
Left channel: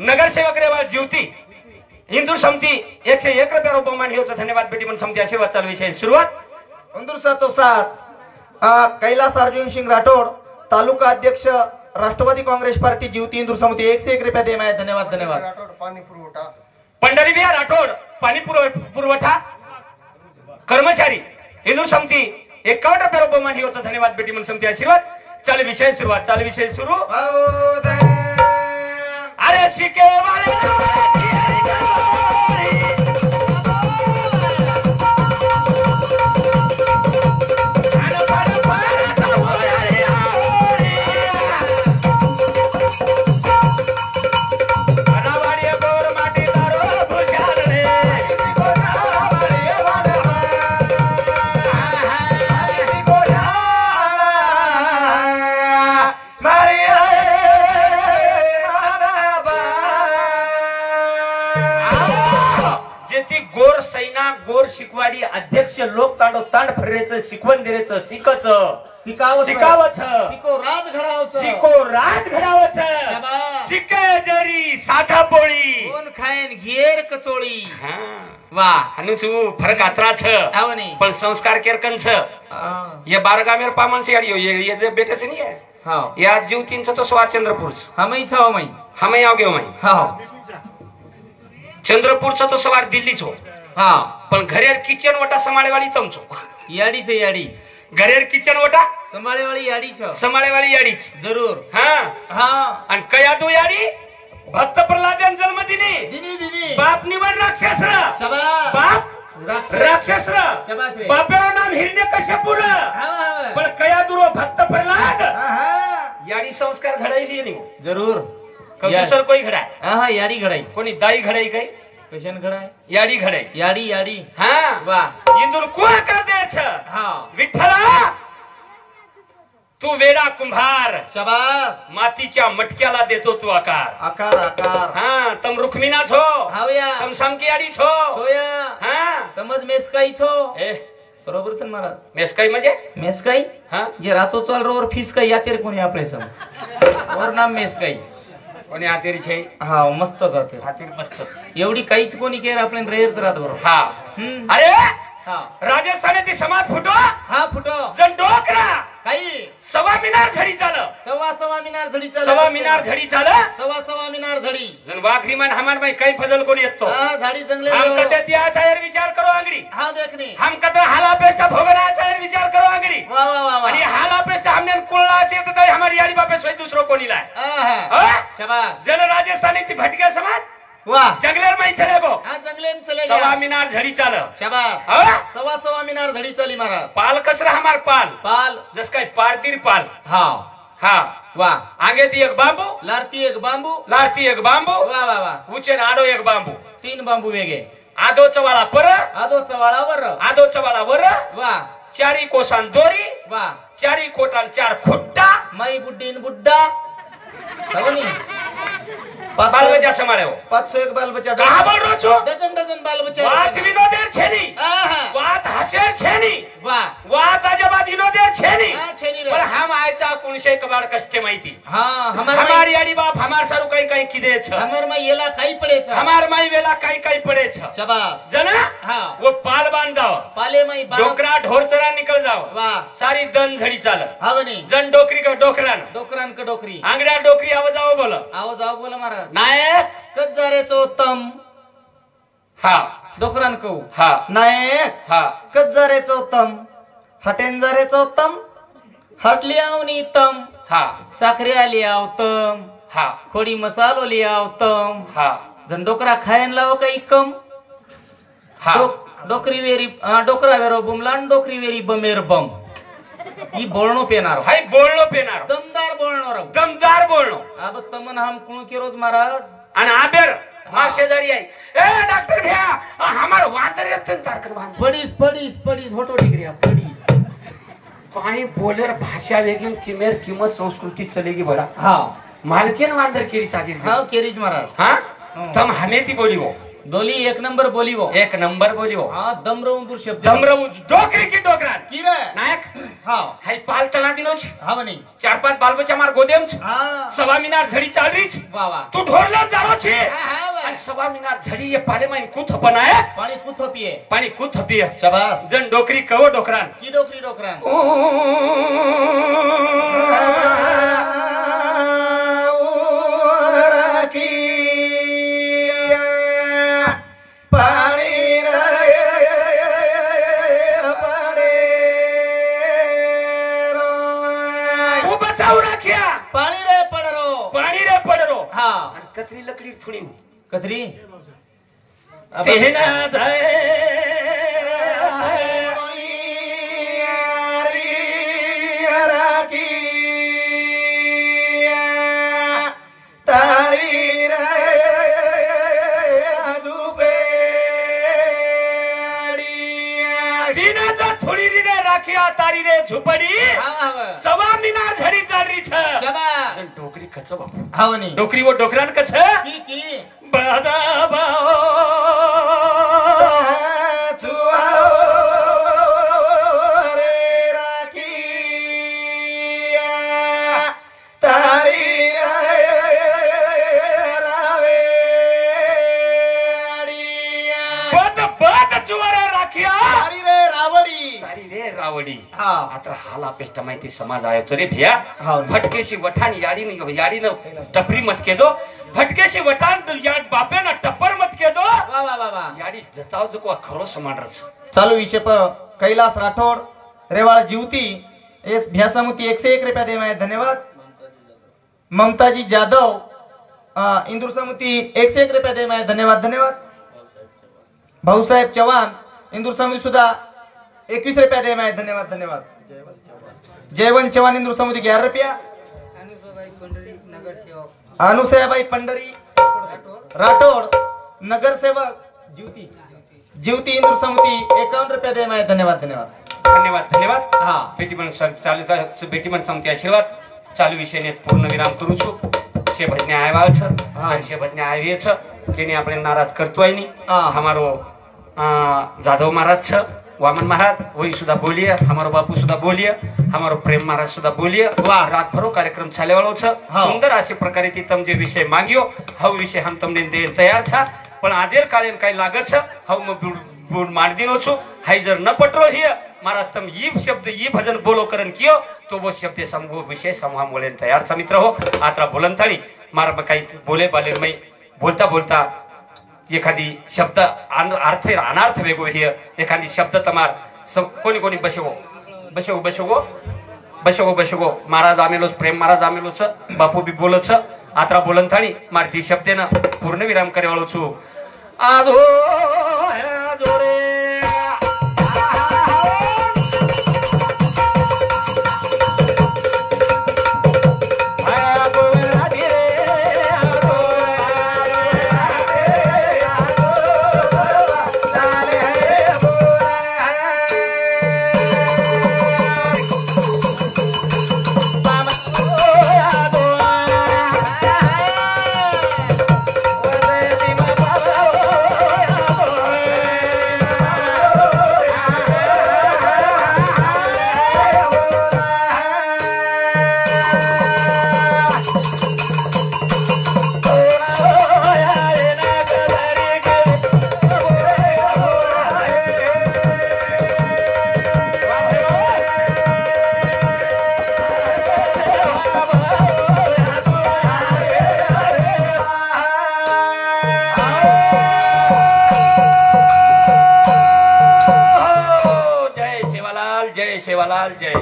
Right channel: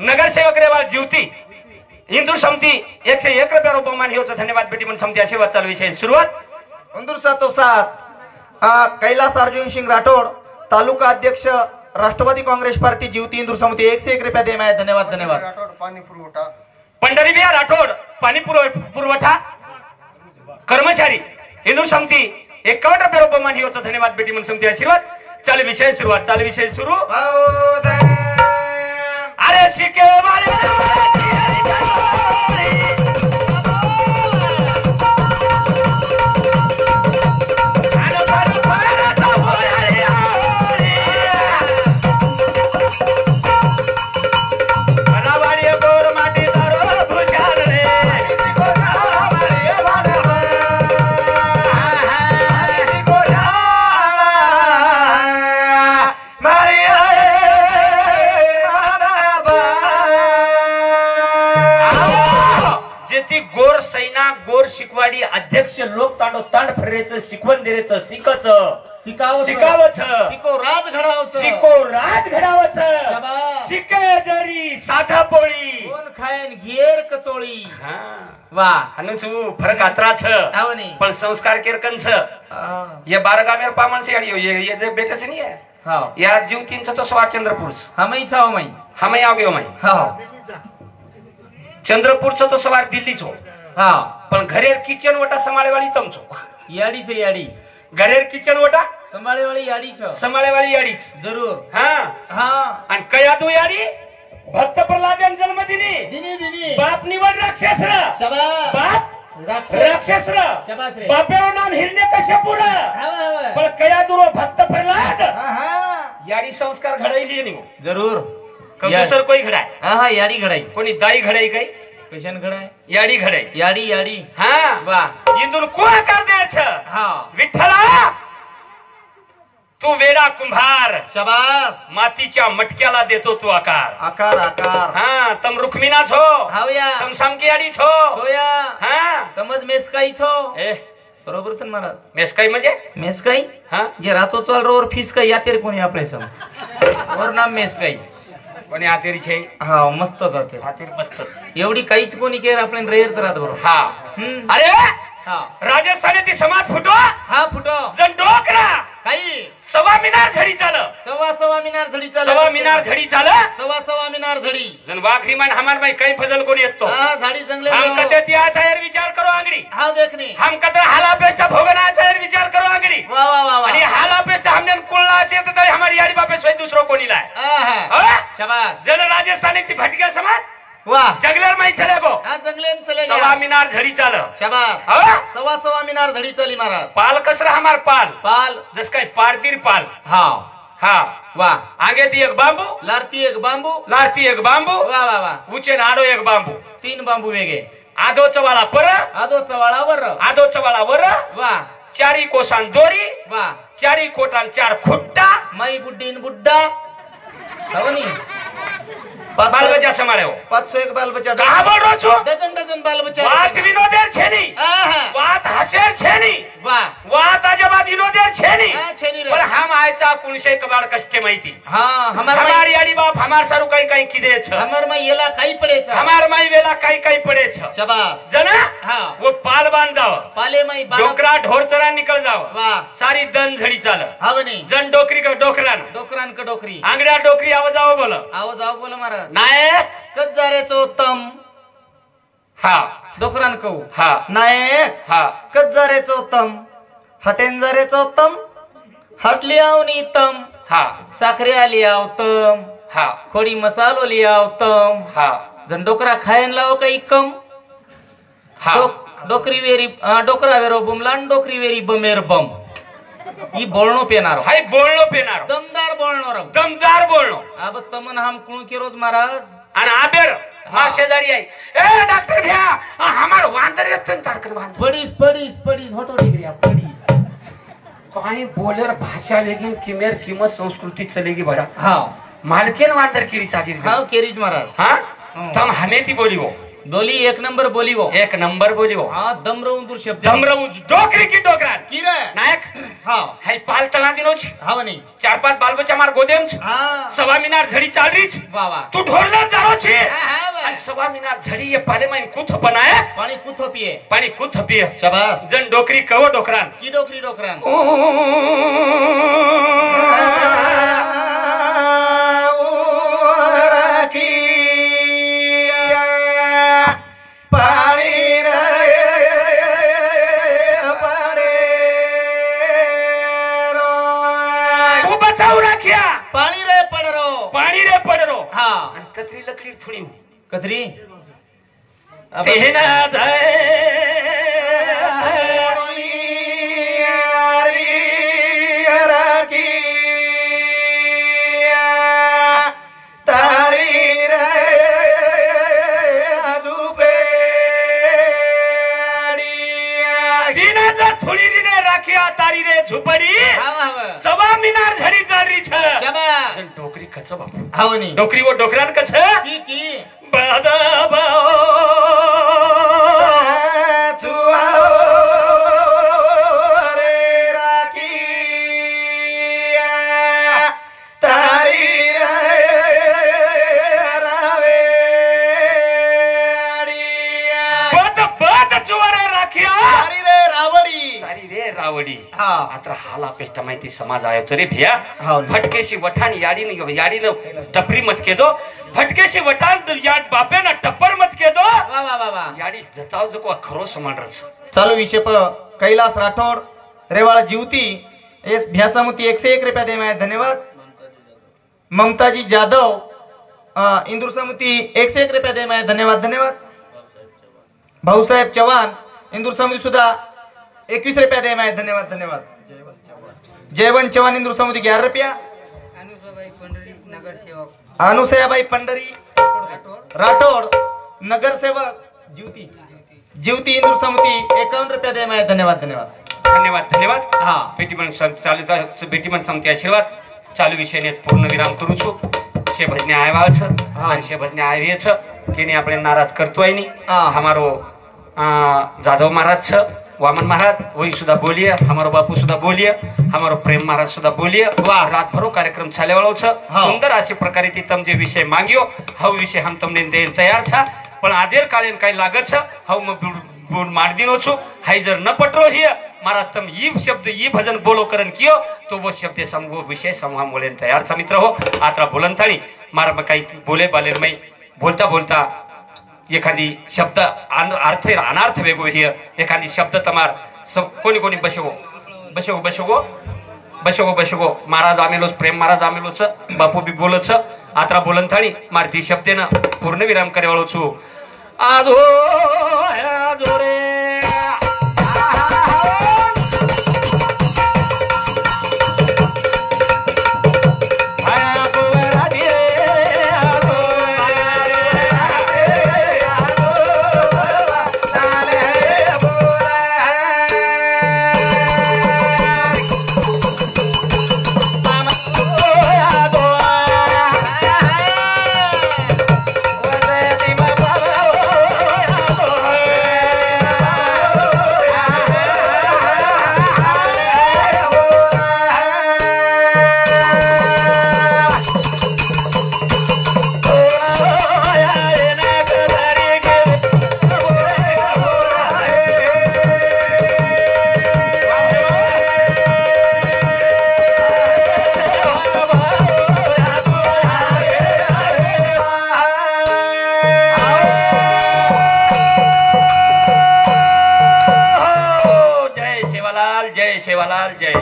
नगरसेवक रेवा ज्योती हिंदू समिती 101 रुपया बहुमान होतं धन्यवाद बेटी म्हणून समिती आशीर्वाद चालू विषय सुरुवात उंदूर 707 कैलास अर्जुन सिंग राठोड तालुका अध्यक्ष राष्ट्रवादी काँग्रेस पार्टी ज्योती हिंदू समिती 101 रुपया दे माय धन्यवाद धन्यवाद राठोड पाणी पुरवठा पंढरी बिया राठोड पाणी पुरवठा कर्मचारी हिंदू समिती 51 रुपया बहुमान होतं धन्यवाद बेटी म्हणून समिती आशीर्वाद चालू विषय सुरुवात चालू विषय सुरू अरे शिके शिकवाडी अध्यक्ष लोक तांडव तांड फरेचं शिकवण देण्याचं शिको राज घडावचं शिके जरी साधा पोळी कोण खायन घेर कचोळी वा हनुचू फरक आत्राच पण संस्कार केरकनच ये बारगामेर पामन से ये जे बेटच नहीं है या जीवतींच तो सवा चंद्रपूरच हमें आ गयो चंद्रपूरच तो सवार दिल्लीच हो पण घरेर किचन वटा संभाळेवाली तमचो याडीच याडी घरेर किचन वटा संभाळेवाली याडीच जरूर आणि कया तो याडी भक्त प्रल्हाद जन्मदिनी बाप निवड राक्षस राक्षस बापेव नाम हिरण्यकश्यपूर पण कया दुरो भक्त प्रल्हाद याडी संस्कार घडायली नाही जरूर दुसर कोई घडाय याडी घडाई कोणी दाई घडाई काही पेशन घडाय याडी घडाई याडी वा इंदूर कोण कर द्यायचं विठ्ठला तू वेडा कुंभार शाबास मातीच्या मटक्याला देतो तू आकार तम रुक्मिना छो तम समकी याडी छो तमज मेसकाई छो बरोबर सर महाराज मेसकाई म्हणजे मेसकाई जे रातो चाल रोवर फीस काही यातेर कोणी आपले सर और नाम मेसकाई कोणी आतेरी छे मस्त जाते आतेरी मस्त एवढी काहीच कोणी केर आपण रेअरच राहत बरोबर अरे राजस्थानातील समाज फुटो जण डोकरा काही सवा मिनार झडी सवा मिनार झडी जण वाखरी मान हमार में कई फजल कोणी येतो झाडी जंगले हम कते त्याचा यार विचार करो आंगडी देखने हम कतरा हाला पेस्टा भोगनाचा यार विचार करो आंगडी वाह आणि हाला पेस्टा हमने कुल्लाचे तर तरी हमारी याडी बापे सोय दुसरो कोणी लाय शाबाश जण राजस्थानी ती भटक्या समाज वाह जंगलेर में चले गो जंगले में चले सवा मिनार झड़ी चाल शाबाश सवा मिनार झड़ी चली महाराज पाल कसरा हमार पाल जस काय पारतीर पाल वाह आगे ती एक बांबू लारती एक बांबू वाह ऊंचे आडो एक बांबू 3 बांबू वेगे आदोचा वाला वर वाह चारी कोसान दोरी वाह चारी कोटान 4 खुट्टा मई बुड्डीन बुड्डा हवनी बाल बच्चा संभाळे हो 501 बाल बच्चा कहा बोल रो छो डजन बाल बच्चा वात विनोदेर छेनी वात हसेर छेनी वात अजबा विनोदेर छेनी पण हम आयचा कुणशे कबाड कष्टे माहिती हमारी याडी बाप हमार सारू काही किदे छ हमार माई येला काही पडे छ हमार माई वेला काही पडे छ शाबाश जना वो पाल बांध जाव पाले माई डोकरा ढोर चरा निकल जाव वाह सारी दन झडी चाल हावनी जन डोकरी का डोकरान का डोकरी आंगड्या डोकरी आवाजाव बोल महाराज नायक कजारेचो उत्तम डोकरान कहू नायक कजारेचो उत्तम हटेंजारेचो उत्तम हटली आवनी उत्तम साखरे आली उत्तम खोडी मसालो लिया उत्तम जन डोकरा खायन लाव काही कम डोकरी वेरी डोकरा वेरो बुमलान डोकरी वेरी बमेर बम ही बोलणो पेनारो दमदार बोलणो अब तमन हम कुण के रोज महाराज आणि आबेर मा शेजारी आई ए डॉक्टर भ्या हमार वांदर येत तारकत पडीस होटो डिग्री पडीस काही बोलर भाषा वेगळी किमेर किंमत संस्कृती चलेगी बडा मालकेन वांदर केरी चाची केरीज महाराज तम हमें ती बोली हो बोली एक नंबर बोली वो. एक नंबर बोली हो. हा दमरवून दूर शब्द. धमरवू डोकरी की डोकरान की रे नायक हा हाय पाल तळा दिनोच हा म्हणे. 4-5 बालबच्चा मार गोदेमच हा सवा मिनार झडी चालरीच वा वा. तू ढोरला जारो छे हा वा. आणि सवा मिनार झडी ये पाले माइन कुथ बनाए पाणी कुथो पिये. पाणी कुथ पिय शाबास. जन डोकरी कहो डोकरान की डोकरी डोकरान. पाणी रे पडरो. पाणी रे पडरो हा आणि कतरी लकडी थोडी कतरी तेना जाय थोडी दिने राखिया तारी रे झुपडी सवा मिनार झडी चालरी छ जन डोकरी कच बापू हा म्हणे. डोकरी वो डोकरान कच की की बादा रावडी आता हाला पेष्टा माहिती समाज आहे रे भिया भटकेशी वठान याडीनं टपरी मत के दो भटकेशी वठान याड बापे ना टप्पर मत के दो याडी जताव जो को खरो समांडरच. चालू विषय प कैलास राठोड रेवाड़ा जीवती एस भ्यासामुती 101 रुपया दे मैं धन्यवाद. ममताजी जाधव इंदूर समुती 101 रुपया दे मैं धन्यवाद धन्यवाद. भाऊसाहेब चव्हाण इंदूर समुती सुद्धा 21 रुपया दे मैं धन्यवाद धन्यवाद. जयवंत चव्हाण इंदूर समुती 11 रुपया. अनुसयाबाई पंढरी राठोड नगर सेवक जीवती इंदूर समुती 51 रुपया दे मैं धन्यवाद धन्यवाद धन्यवाद धन्यवाद. हा बेटी मन चालू बेटी मन समिति आशीर्वाद चालू विषय ने पूर्ण विराम करू છું. शे भजने आया छ शे भजने आवे छ केने આપણે નારાજ કરતો હોય ની हमारो जाधव महाराज छ वामन महाराज वही सुधा बोलिए हमारो बापू सुधा बोलिए हमारो प्रेम महाराज सुधा बोलिए रात भरो कार्यक्रम चाले वाळो छ. सुंदर अशी प्रकारे ती तम जे विषय मांग्यो हव विषय हम તમને દે તૈયાર છ પણ આદેર કાલે કઈ લાગે છે હવ બોલ માર દીનો છું હાઈ जर न पटरो हिय महाराज तम ये शब्द ये भजन बोलो करन कियो तो वो शब्द समूह विषय समूह बोले तैयार छ मित्र हो. आत्रा बोलन थाळी मारा काही बोले बाले मैं बोलता बोलता एखादी शब्द अर्थ अनार्थ वेगो हिय एखादी शब्द तमार कोणी कोणी बसवो बसवो बसवो बसवो बसवो महाराज आमेलो प्रेम महाराज आमेलो छ बापू बी बोलो छ आत्रा बोलन थाळी मार ती शब्देन पूर्ण विराम करे वाळो छु. आजो आजो रे जय सेवालाल जय